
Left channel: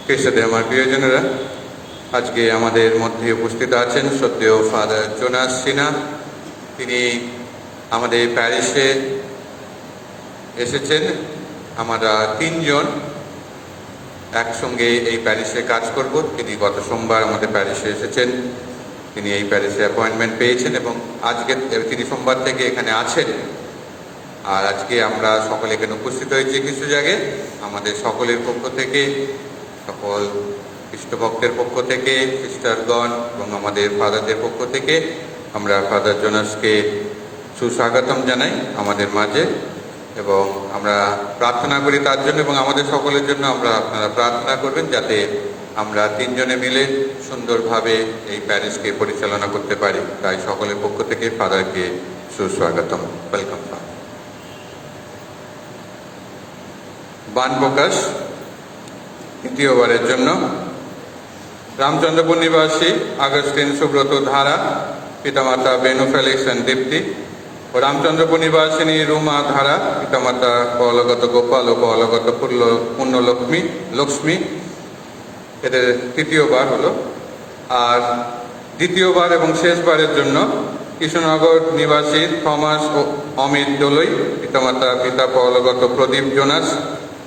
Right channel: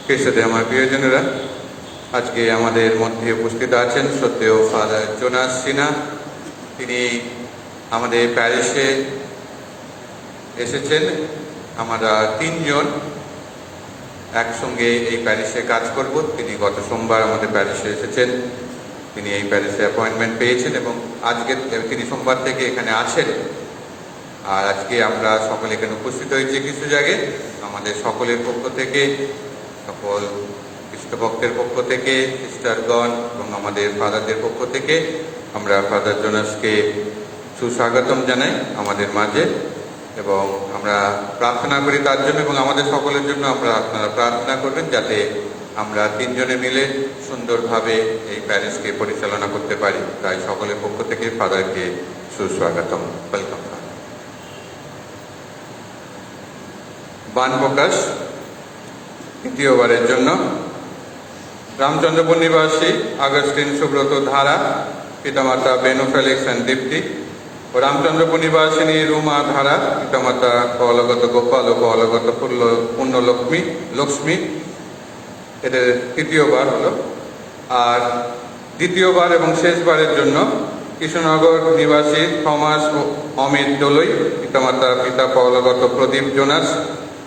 খ্রিস্টে আমার প্রিয়জনেরা, আজকে আমাদের মধ্যে উপস্থিত আছেন সত্য ফাদার জোনাস সিনহা। তিনি আমাদের প্যারিশে এসেছেন। আমরা তিনজন একসঙ্গে এই প্যারিশে কাজ করব। তিনি গত সোমবার আমাদের প্যারিশে এসেছেন। তিনি এই প্যারিশে অ্যাপয়েন্টমেন্ট পেয়েছেন এবং আজকে তিনি সোমবার থেকে এখানে আছেন। আর আজকে আমরা সকলে এখানে উপস্থিত হয়েছি কিছু জায়গায়। আমাদের সকলের পক্ষ থেকে, সকল খ্রিস্টভক্তের পক্ষ থেকে, সিস্টারগণ এবং আমাদের ফাদারদের পক্ষ থেকে আমরা ফাদার জোনাসকে সুস্বাগতম জানাই আমাদের মাঝে এবং আমরা প্রার্থনা করি তার জন্য এবং আমাদের সকলের জন্য আপনারা প্রার্থনা করবেন যাতে আমরা তিনজনে মিলে সুন্দরভাবে এই প্যারিশকে পরিচালনা করতে পারি। তাই সকলের পক্ষ থেকে ফাদারকে সুস্বাগতম, ওয়েলকাম। বান প্রকাশ তৃতীয়বারের জন্য রামচন্দ্রপুর নিবাসী আগস্টিন সুব্রত ধারা, পিতামাতা বেনু ফেলিক্সন দীপ্তি ও রামচন্দ্রপুর নিবাসিনী রুমা ধারা, পিতামাতা কলগত গোপাল ও কলগত লক্ষ্মী। এদের তৃতীয়বার হলো। আর দ্বিতীয়বার এবং শেষবারের জন্য কৃষ্ণনগর নিবাসী থমাস ও অমিত দোলই, পিতা কলগত প্রদীপ জোনাস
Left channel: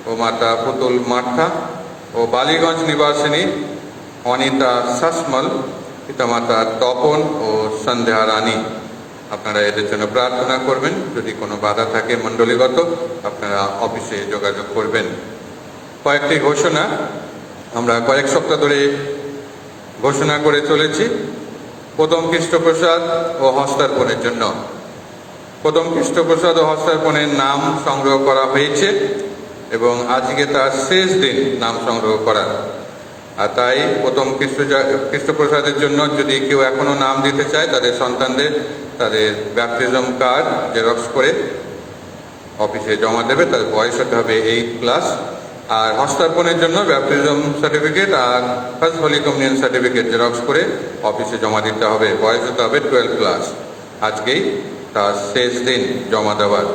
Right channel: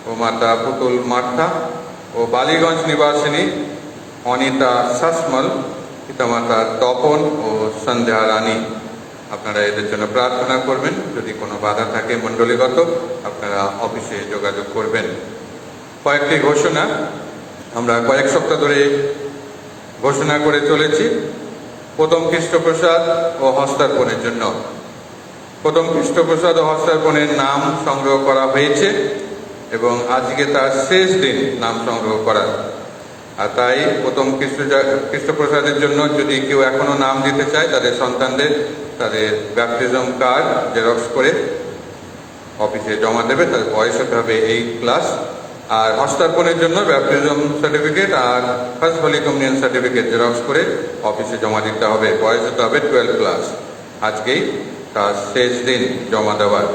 ও মাতা পুতুল মাঠা ও বালিগঞ্জ নিবাসিনী অনিতা শাসমল, পিতামাতা তপন ও সন্ধ্যা রানী। আপনারা এদের জন্য প্রার্থনা করবেন। যদি কোনো বাধা থাকে মণ্ডলীগত, আপনারা অফিসে যোগাযোগ করবেন। কয়েকটি ঘোষণা আমরা কয়েক সপ্তাহ ধরে ঘোষণা করে চলেছি। প্রথম খ্রিস্টপ্রসাদ ও হস্তার্পণের জন্য প্রথম খ্রিস্টপ্রসাদ ও হস্তার্পণের নাম সংগ্রহ করা হয়েছে এবং আজকে তার শেষ দিন নাম সংগ্রহ করা। আর তাই প্রথম খ্রিস্টপ্রসাদের জন্য যদি কেউ এখনো নাম দিতে চায়, তাদের সন্তানদের তাদের ব্যাপটিজম কার্ড জেরক্স করে অফিসে জমা দেবে। তাদের বয়স হতে হবে 8+। আর হস্তার্পণের জন্য ব্যাপটিজম সার্টিফিকেট আর first holy communion certificate xerox করে অফিসে জমা দিতে হবে। বয়স হতে হবে 12+। আজকেই তার শেষ দিন জমা দেওয়ার।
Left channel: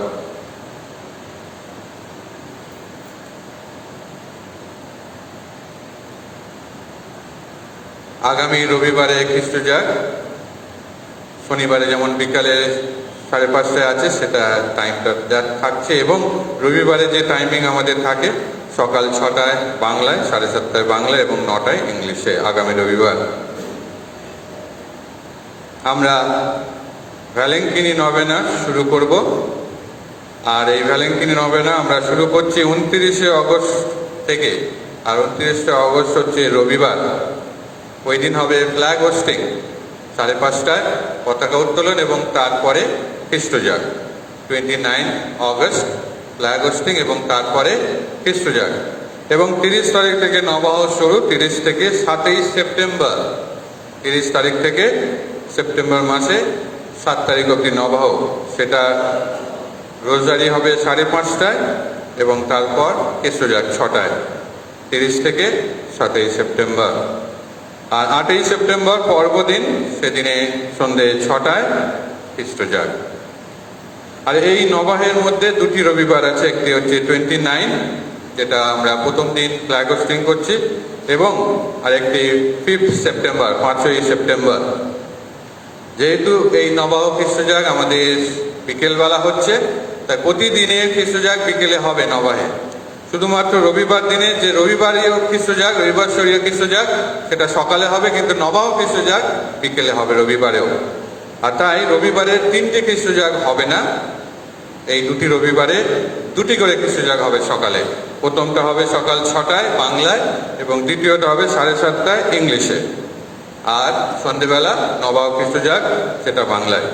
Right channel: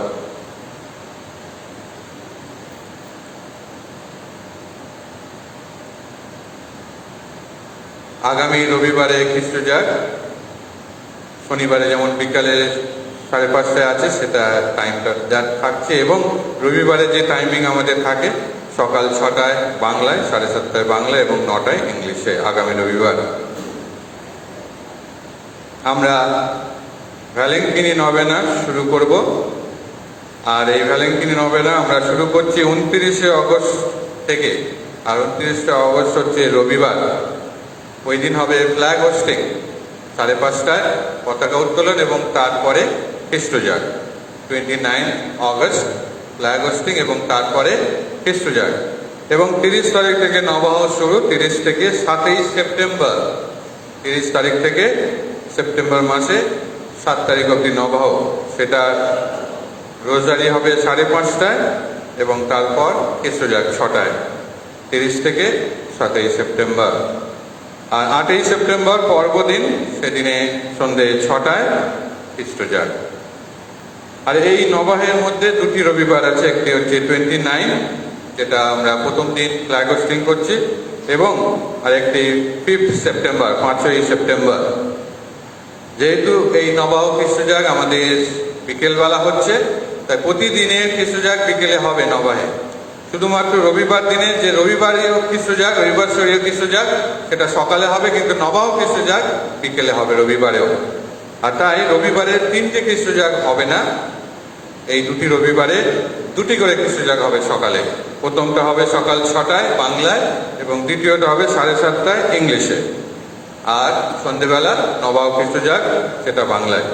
আগামী রবিবারে খ্রিস্টজাগ, শনিবারে যেমন বিকালে 5:30 আছে সেটা টাইমটা থাকছে এবং রবিবারে যে টাইমিং আমাদের থাকে সকাল 6টায় বাংলায়, 7:30 বাংলায় এবং 9টায় ইংলিশে। আগামী রবিবার আমরা ভ্যালেন্টিনি নভেনা শুরু করব। আর এই ভ্যালেন্টিনি নভেনা আমরা শুরু করছি 29শে অগস্ট থেকে। আর 29শে অগস্ট হচ্ছে রবিবার। ওই দিন হবে ফ্ল্যাগ হোস্টিং 5:30টায়, পতাকা উত্তোলন এবং তারপরে খ্রিস্টজাগ। 29 অগস্ট ফ্ল্যাগ হোস্টিং এবং তারপরে খ্রিস্টজাগ। এবং 30 তারিখ থেকে নবাহ শুরু, 30 থেকে 7ই সেপ্টেম্বর। 30 তারিখ থেকে সেপ্টেম্বর মাসে 7 তারিখ অবধি নবাহ। সেটা রোজারি হবে 5:30টায় এবং তারপর খ্রিস্টজাগ 6টায়। 30 থেকে 7ই সেপ্টেম্বর। আর 8ই সেপ্টেম্বর পর্বদিন, সেদিনে সন্ধে 6টায় খ্রিস্টজাগ। আর এই নবাহের মধ্যে দুটি রবিবার আছে, একটি হচ্ছে 29, যেটা আমরা প্রথম দিন ফ্ল্যাগ হোস্টিং করছি, এবং আরেকটি 5 সেপ্টেম্বর, 5ই সেপ্টেম্বর। যেহেতু এই নবাহ খ্রিস্টজাগ আমাদের বিকেলবেলা হচ্ছে, তাই প্রতিদিনের খ্রিস্টজাগ বিকেলে হবে নবাহে। শুধুমাত্র রবিবার দিনে যে রবিবারই খ্রিস্টজাগ, রবিবার শরীয় খ্রিস্টজাগ, সেটা সকালে হবে, কিন্তু নবাহ খ্রিস্টজাগ বিকেলে হবে রবিবারেও। আর তাই রবিবারের 3টে খ্রিস্টজাগ হবে না, এই দুটি রবিবারে 2টি করে খ্রিস্টজাগ হবে সকালে। প্রথমটা হবে সকাল 6টায় বাংলায় এবং দ্বিতীয়টা হবে 7:30টায় ইংলিশে। আর সন্ধ্যেবেলা নবাহ খ্রিস্টজাগ, সেটা বাংলায়।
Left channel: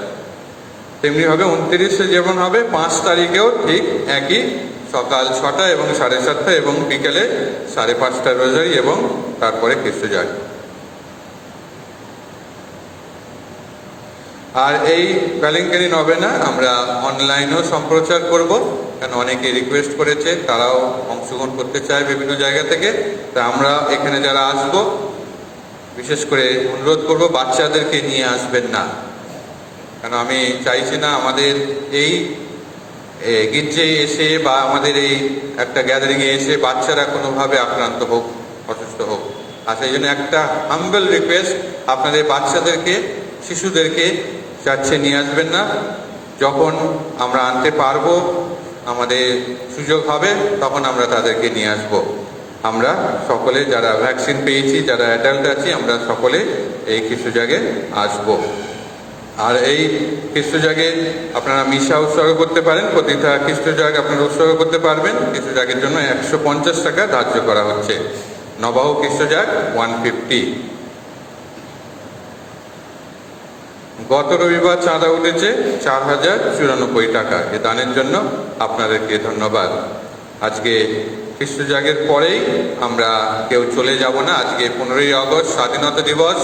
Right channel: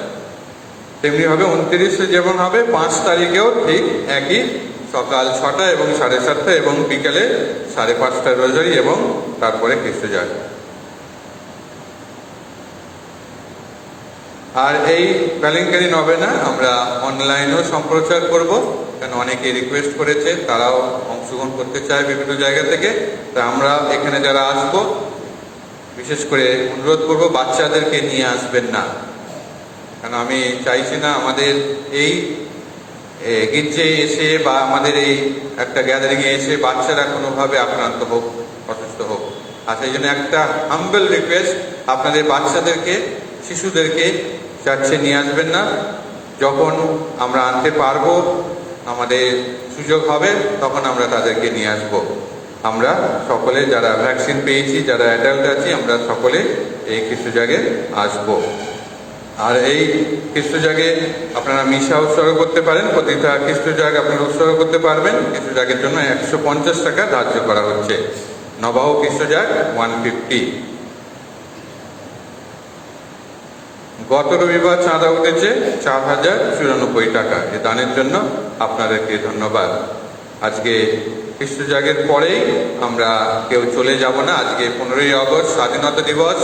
তেমনিভাবে 29শে যেমন হবে, 5 তারিখেও ঠিক একই, সকাল 6টা এবং 7:30 এবং বিকেলে 5:30টায় রোজারি এবং তারপরে খ্রিস্টজাগ। আর এই ভ্যালেন্টিনি নভেনা আমরা অনলাইনেও সম্প্রচার করব, কারণ অনেকে রিকোয়েস্ট করেছে, তারাও অংশগ্রহণ করতে চায় বিভিন্ন জায়গা থেকে। তা আমরা এখানে যারা আসব, বিশেষ করে অনুরোধ করব বাচ্চাদেরকে নিয়ে আসবেন না, কারণ আমি চাইছি না আমাদের এই গির্জে এসে বা আমাদের এই একটা গ্যাদারিংয়ে এসে বাচ্চারা কোনোভাবে আক্রান্ত হোক, অসুস্থ হোক। আর সেই জন্য একটা হাম্বল রিকোয়েস্ট, আপনাদের বাচ্চাদেরকে, শিশুদেরকে চাচ্ছে নিয়ে আসবেন না। যখন আমরা আনতে পারবো, আমাদের সুযোগ হবে, তখন আমরা তাদেরকে নিয়ে আসব। আমরা সকলে যারা ভ্যাকসিন পেয়েছি, যারা অ্যাডাল্ট আছি, আমরা সকলে এই খ্রিস্টজাগে আসব। আর এই খ্রিস্টজাগে আপনারা মিশা উৎসর্গ করতে পারেন, প্রতিটা খ্রিস্টজাগ আপনারা উৎসর্গ করতে পারবেন। খ্রিস্টজাগের জন্য 150 টাকা ধার্য করা হচ্ছে। নবাহ খ্রিস্টজাগ 150। গত রবিবার চাঁদা উঠেছে 4094 টাকা। এ দানের জন্য আপনাদেরকে ধন্যবাদ। আজকে খ্রিস্টজাগের পরেই আমরা কেউ চলে যাব না। আজকে 15ই অগস্ট স্বাধীনতা দিবস,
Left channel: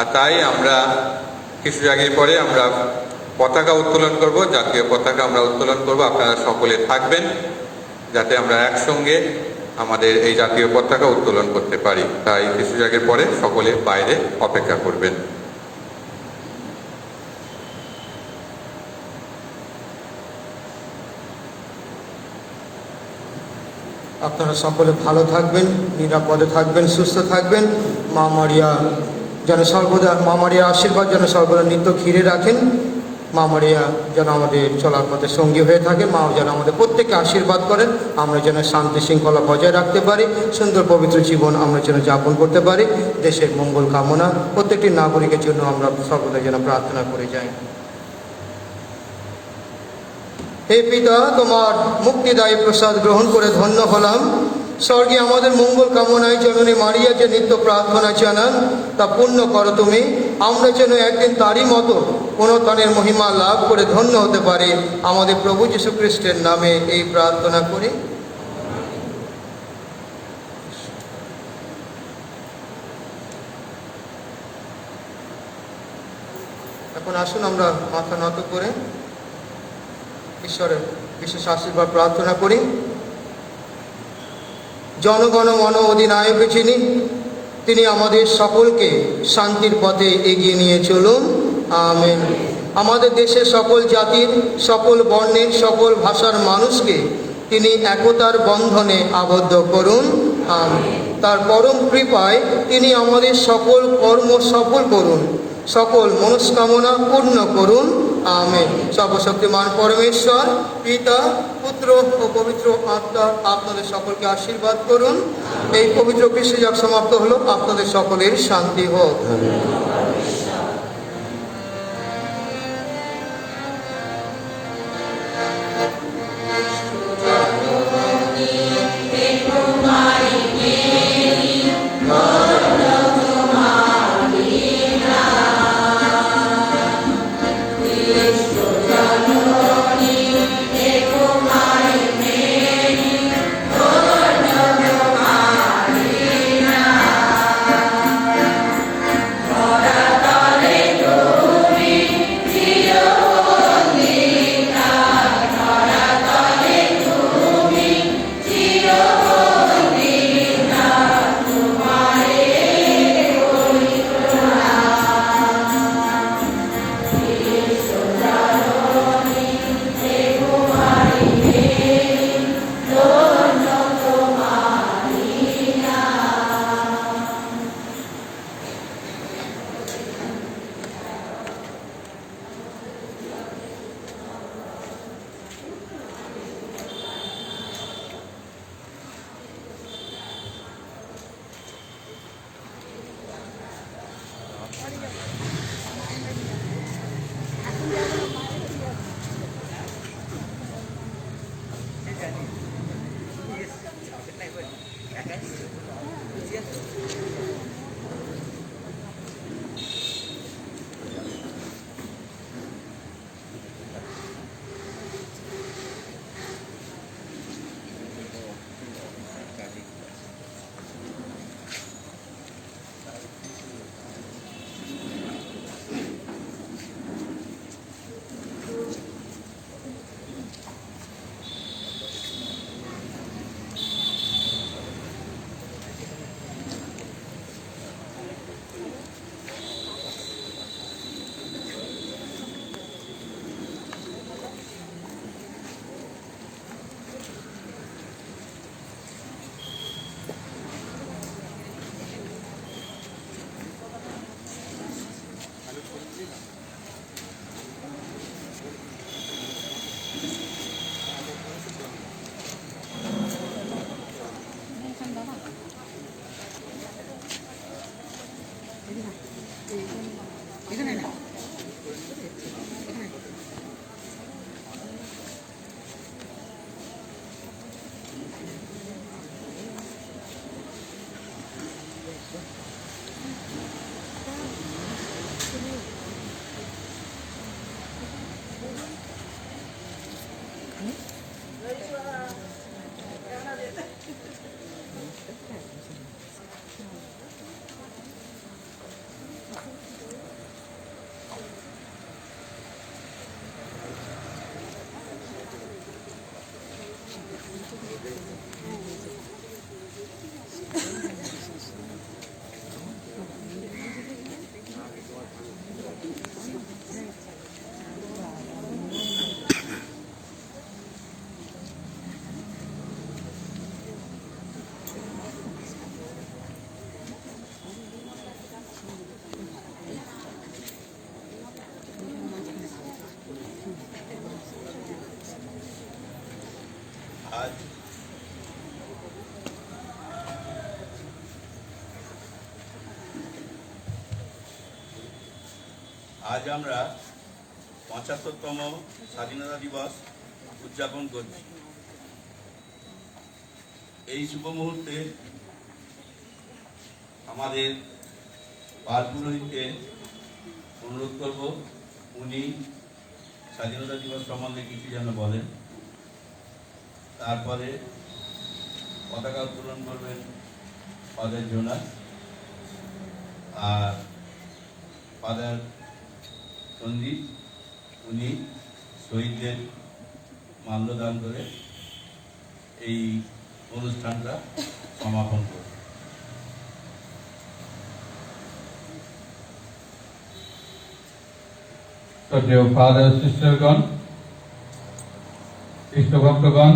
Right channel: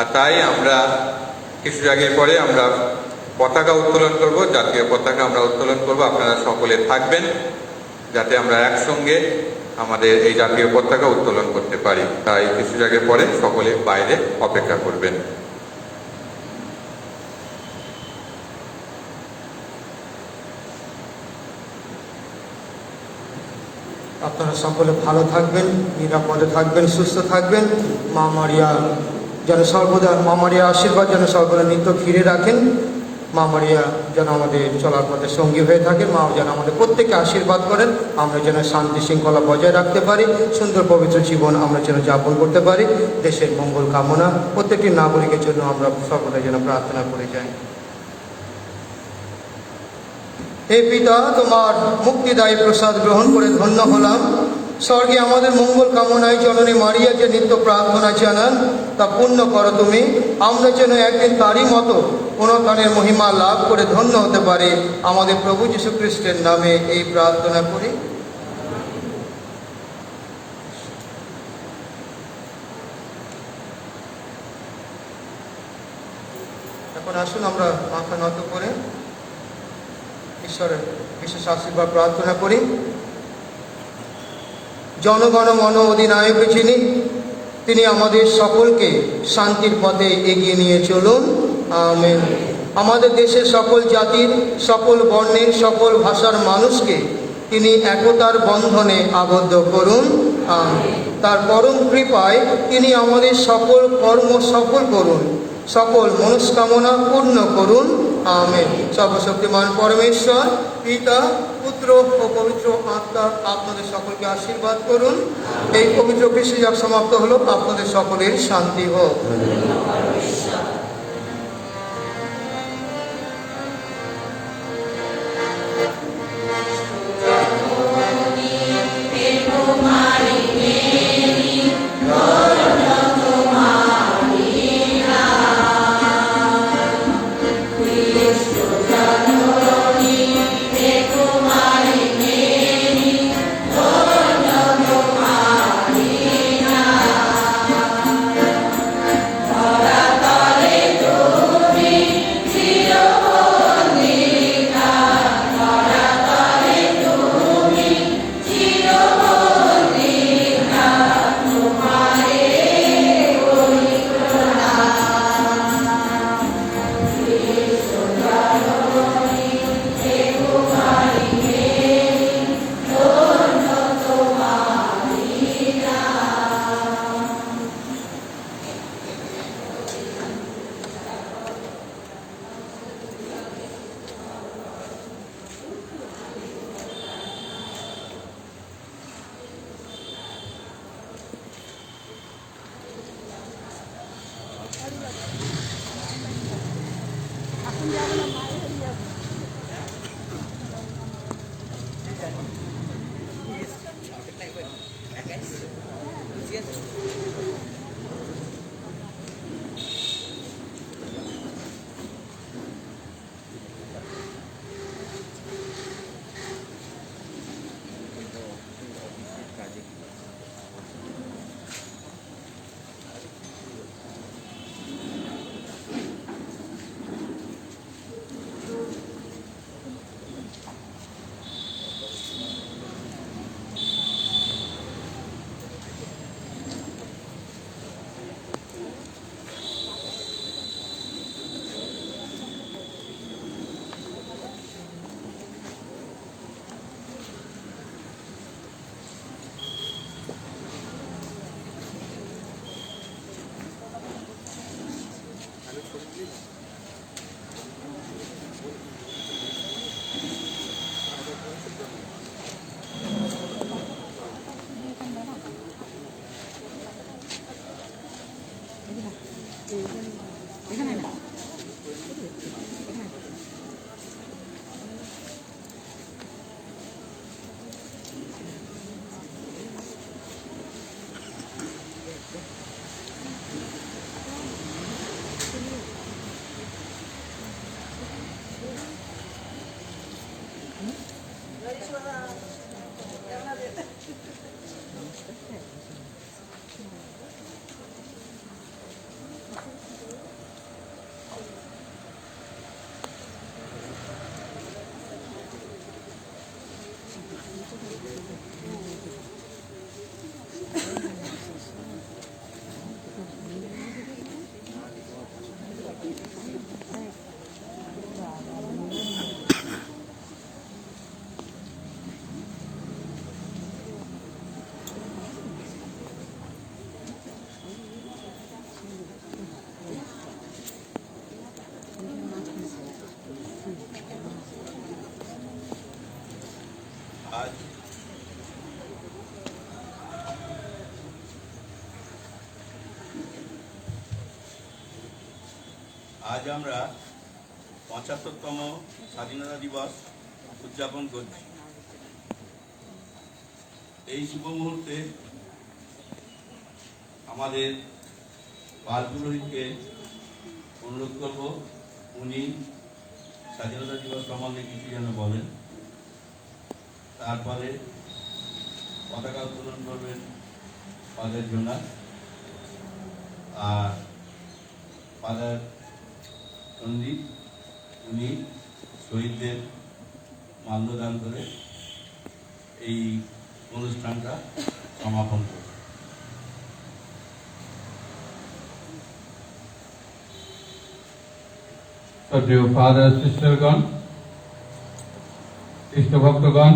আর তাই আমরা খ্রিস্টজাগের পরে আমরা পতাকা উত্তোলন করব, জাতীয় পতাকা আমরা উত্তোলন করব। আপনারা সকলে থাকবেন, যাতে আমরা একসঙ্গে আমাদের এই জাতীয় পতাকা উত্তোলন করতে পারি। তাই খ্রিস্টজাগের পরে সকলে বাইরে অপেক্ষা করবেন। আপনারা সকলে ভালো থাকবেন, নিরাপদে থাকবেন, সুস্থ থাকবেন। মা মারিয়া যেন সর্বদা, মা মারিয়ার আশীর্বাদ যেন সর্বদা নিত্য ঘিরে রাখেন। মা মারিয়া যেন আমাদের চলার পথে সঙ্গী হয়ে থাকে। মা যেন আমাদের প্রত্যেককে আশীর্বাদ করেন, আমরা যেন শান্তি শৃঙ্খলা বজায় রাখতে পারি, সুন্দর পবিত্র জীবন আমরা যেন যাপন করতে পারি। দেশের মঙ্গল কামনা প্রত্যেকটি নাগরিকের জন্য আমরা সর্বদা যেন প্রার্থনা করে যাই। হে পিতা, তোমার মুক্তিদায়ী প্রসাদ গ্রহণ করে ধন্য হলাম। স্বর্গে আমাদের মঙ্গল কামনায় জননী মারিয়া যে নিত্য প্রার্থনা জানান, তা পূর্ণ করো তুমি। আমরা যেন একদিন তারই মতো পুনরুত্থানের মহিমা লাভ করে ধন্য হতে পারি। আমাদের প্রভু যীশু খ্রিস্টের নামে এই প্রার্থনা করি। এখন আসুন আমরা মাথা নত করে ঈশ্বরের বিশেষ আশীর্বাদ প্রার্থনা করি। জনগণ মন অধিনায়ক যিনি, তিনি আমাদের সকলকে শান্তির পথে এগিয়ে নিয়ে চলুন। আমেন। আমাদের দেশের সকল জাতির, সকল বর্ণের, সকল ভাষার মানুষকে তিনি একতার বন্ধনে আবদ্ধ করুন। আমেন। তার পরম কৃপায় তিনি আমাদের সকল কর্ম সফল করুন, সকল মনস্কামনা পূর্ণ করুন। আমেন। সর্বশক্তিমান পরমেশ্বর পিতা, পুত্র ও পবিত্র আত্মা আপনাদের সকলকে আশীর্বাদ করুন। এই পবিত্র খ্রিস্টজাগ সমাপ্ত হলো। আপনাদের সকলের শান্তি হোক। আজ আমরা ৭৫তম স্বাধীনতা দিবস উদযাপন করছি। এই শুভ মুহূর্তে আমাদের পাল পুরোহিতকে অনুরোধ করব উনি স্বাধীনতা দিবস সম্বন্ধে কিছু যেন বলেন। তারপরে পতাকা উত্তোলন করবেন ফাদার জোনাস, আর ফাদার সন্দীপ উনি শহীদদের মাল্যদান করে এই অনুষ্ঠানটা সমাপন করবেন। শ্রদ্ধেয় ফাদার সিস্টারগণ, খ্রিস্টভক্তগণ,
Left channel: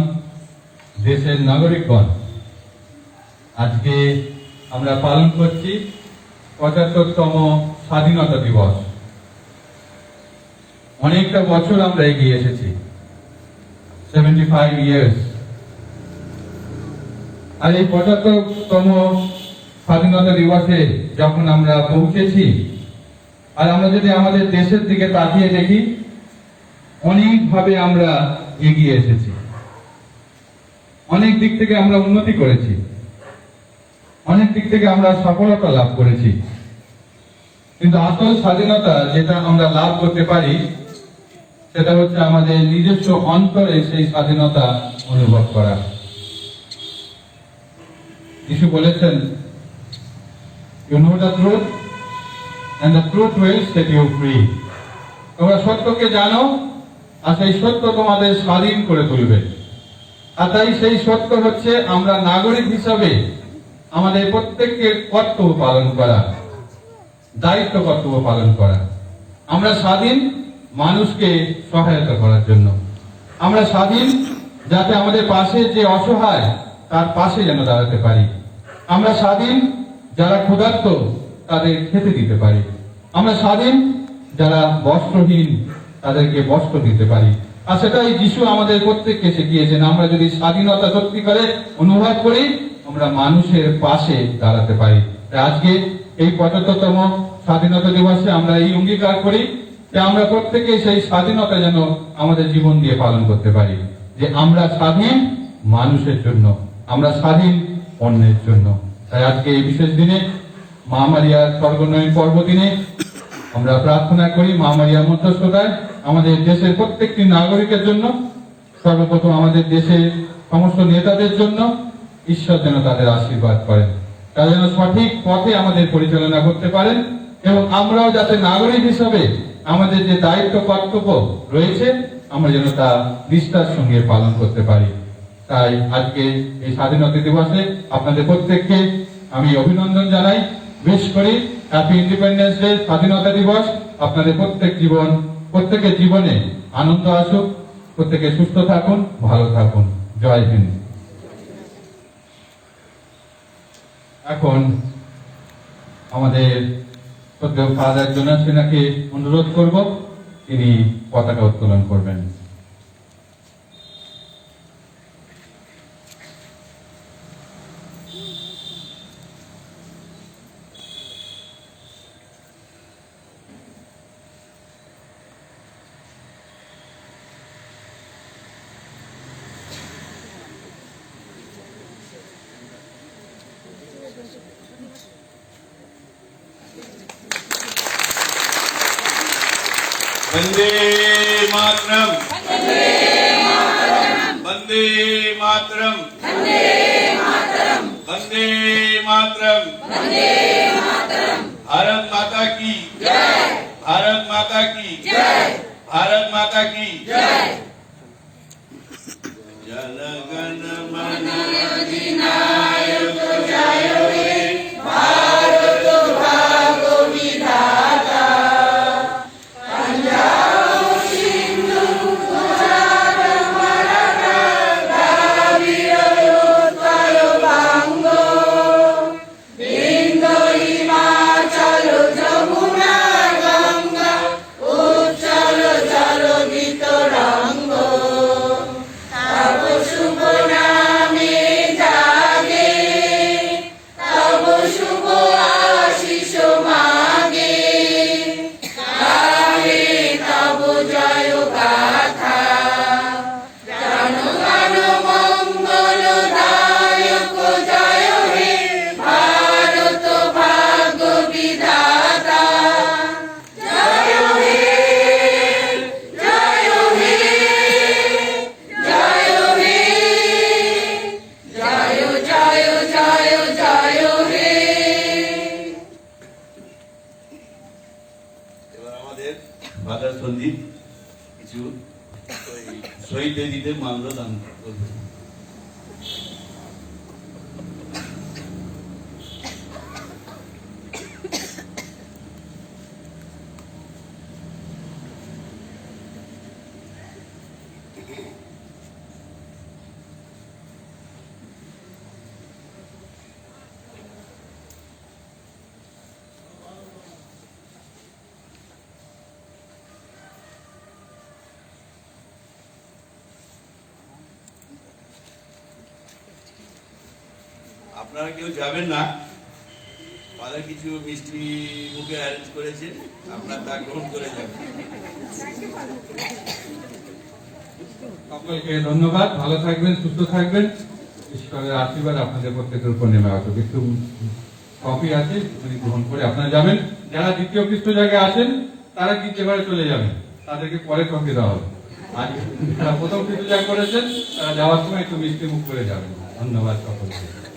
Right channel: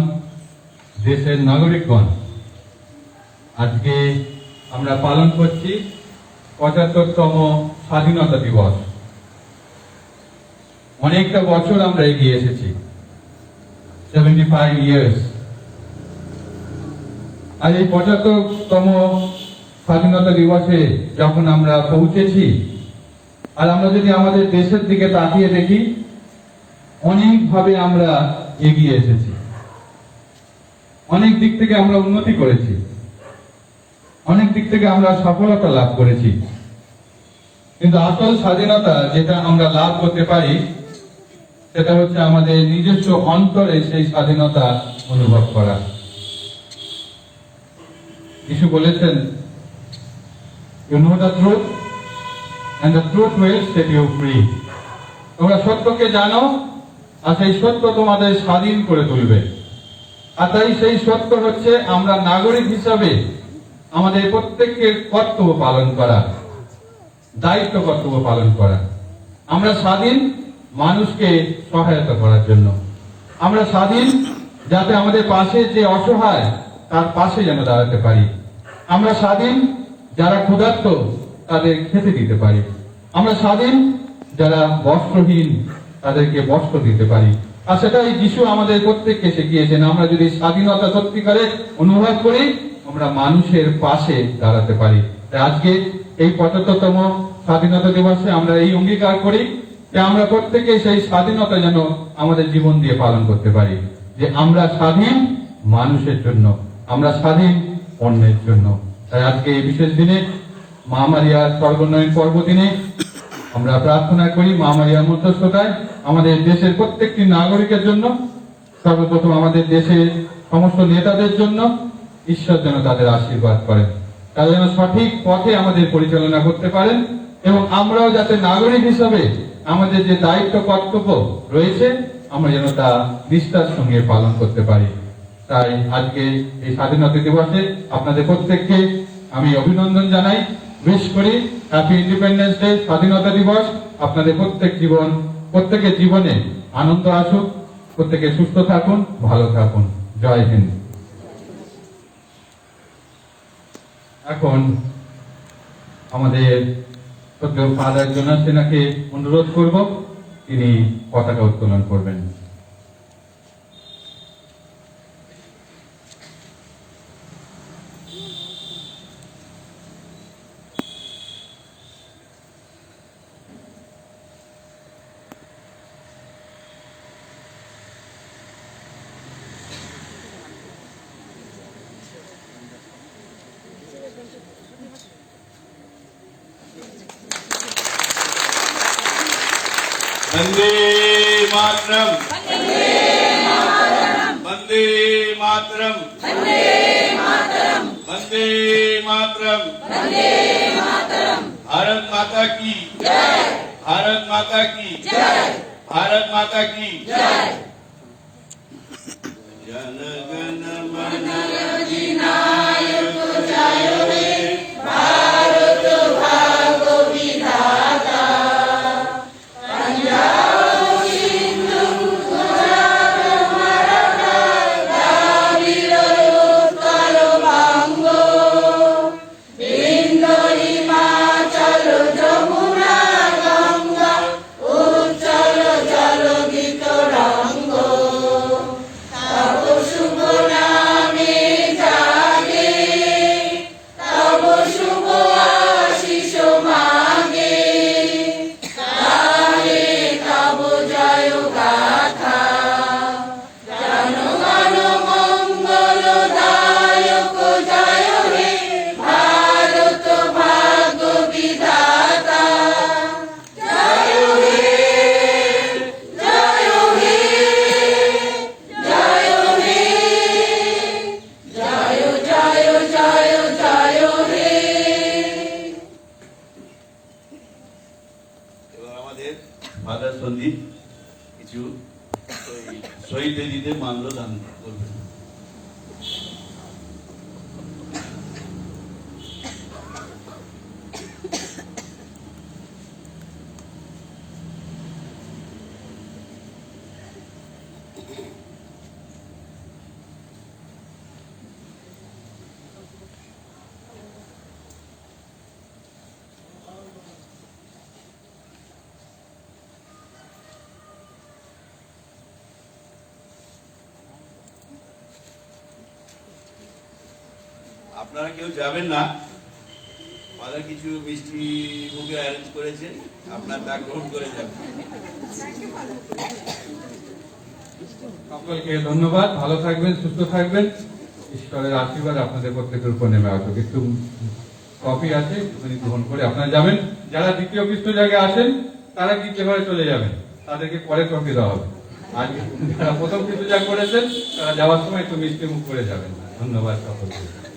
দেশের নাগরিকগণ, আজকে আমরা পালন করছি ৭৫তম স্বাধীনতা দিবস। অনেকটা বছর আমরা এগিয়ে এসেছি, 75 ইয়ার্স। আর এই ৭৫তম স্বাধীনতা দিবসে যখন আমরা পৌঁছেছি, আর আমরা যদি আমাদের দেশের দিকে তাকিয়ে দেখি, অনেকভাবে আমরা এগিয়ে এসেছি, অনেক দিক থেকে আমরা উন্নতি করেছি, অনেক দিক থেকে আমরা সফলতা লাভ করেছি। কিন্তু আসল স্বাধীনতা যেটা আমরা লাভ করতে পারি সেটা হচ্ছে আমাদের নিজস্ব অন্তরে সেই স্বাধীনতা অনুভব করা। যিশু বলেছেন, you know the truth and the truth will set you free. তোমরা সত্যকে জানো, আর সেই সত্য তোমাদের স্বাধীন করে তুলবে। আর তাই সেই সত্য হচ্ছে আমরা নাগরিক হিসাবে আমাদের প্রত্যেককে কর্তব্য পালন করা, দায়িত্ব কর্তব্য পালন করা। আমরা স্বাধীন মানুষকে সহায়তা করার জন্য, আমরা স্বাধীন যাতে আমাদের পাশে যে অসহায় তার পাশে যেন দাঁড়াতে পারি, আমরা স্বাধীন যারা ক্ষুধার্ত তাদের খেতে দিতে পারি, আমরা স্বাধীন যারা বস্ত্রহীন তাদেরকে বস্ত্র দিতে পারি। আর সেটাই যিশু আমাদের প্রত্যেককে শিখিয়েছেন। আমরা যদি স্বাধীনতা সত্যিকারে অনুভব করি, আমরা মানুষের পাশে দাঁড়াতে পারি। তাই আজকে এই ৭৫তম স্বাধীনতা দিবসে আমরা এই অঙ্গীকার করি যে আমরা প্রত্যেকে সেই স্বাধীনতা যেন আমাদের জীবন দিয়ে পালন করতে পারি, যে আমরা স্বাধীন মানুষের জন্য, আমরা স্বাধীন অন্যের জন্য। তাই আজকে এই বিশেষ দিনে মা মারিয়ার স্বর্গোন্নয়ন পর্ব দিনে আমরা প্রার্থনা করি মা মারিয়ার মধ্যস্থতায় আমাদের দেশের প্রত্যেকটি নাগরিকের জন্য, সর্বপ্রথম আমাদের দেশের সমস্ত নেতাদের জন্য ঈশ্বর যেন তাদের আশীর্বাদ করেন, তারা যেন সঠিক পথে আমাদের পরিচালনা করতে পারেন, এবং আমরাও যাতে নাগরিক হিসাবে আমাদের যে দায়িত্ব কর্তব্য রয়েছে আমরা যেন তা নিষ্ঠার সঙ্গে পালন করতে পারি। তাই আজকে এই স্বাধীনতা দিবসে আপনাদের প্রত্যেককে আমি অভিনন্দন জানাই, উইশ করি হ্যাপি ইন্ডিপেন্ডেন্স ডে, স্বাধীনতা দিবস। আপনাদের প্রত্যেকের জীবনে আনন্দ আসুক, প্রত্যেকে সুস্থ থাকুন, ভালো থাকুন। জয় হিন্দ। এখন আমাদের শ্রদ্ধেয় ফাদার জোনাস সেনাকে অনুরোধ করব, তিনি পতাকা উত্তোলন করবেন। वंदे मातरम वंदे मातरम वंदे मातरम भारत माता की भारत माता की भारत माता की जन गण मन अधिनायक जय हे भारत भाग्य विधाता पंजाब सिंधु गुजरात मराठा द्राविड़ उत्कल बंग बिंदु हिमाचल जमुना गंगा उच्चल जलधि तरंग तब शुभ नामे जागे तब शुभ आशीष मांगे गाहे तब जय गाथा जनगण मंगल दायक जय हे भारत भाग्य विधाता जय हे जय हे जय हे जय जय जय जय हे এবার আমাদের ফাদার সন্দীপ কিছু শহীদ দিদিদের মাল্যদান করবেন। আপনারা কেউ যাবেন না, ফাদার কিছু মিষ্টি মুখে অ্যারেঞ্জ করেছেন, আপনারা তা গ্রহণ করে যাবেন। সকলকে ধন্যবাদ। ভালো থাকবেন, সুস্থ থাকবেন। ঈশ্বরের আশীর্বাদ আপনাদের প্রত্যেকের উপর নেমে আসুক। একটু কফি আছে, একটুখানি গ্রহণ করে আপনারা যাবেন। যারা দ্বিতীয় পৃষ্ঠ জায়গায় আছেন তারা দ্বিতীয় ঘরে চলে যাবেন, তাদেরকে পরে কফি দেওয়া হবে। আর যারা প্রথম পৃষ্ঠ জায়গা করেছেন তারা যাওয়ার সময় একটু মিষ্টি মুখ করে যাবেন। ধন্যবাদ সকলকে।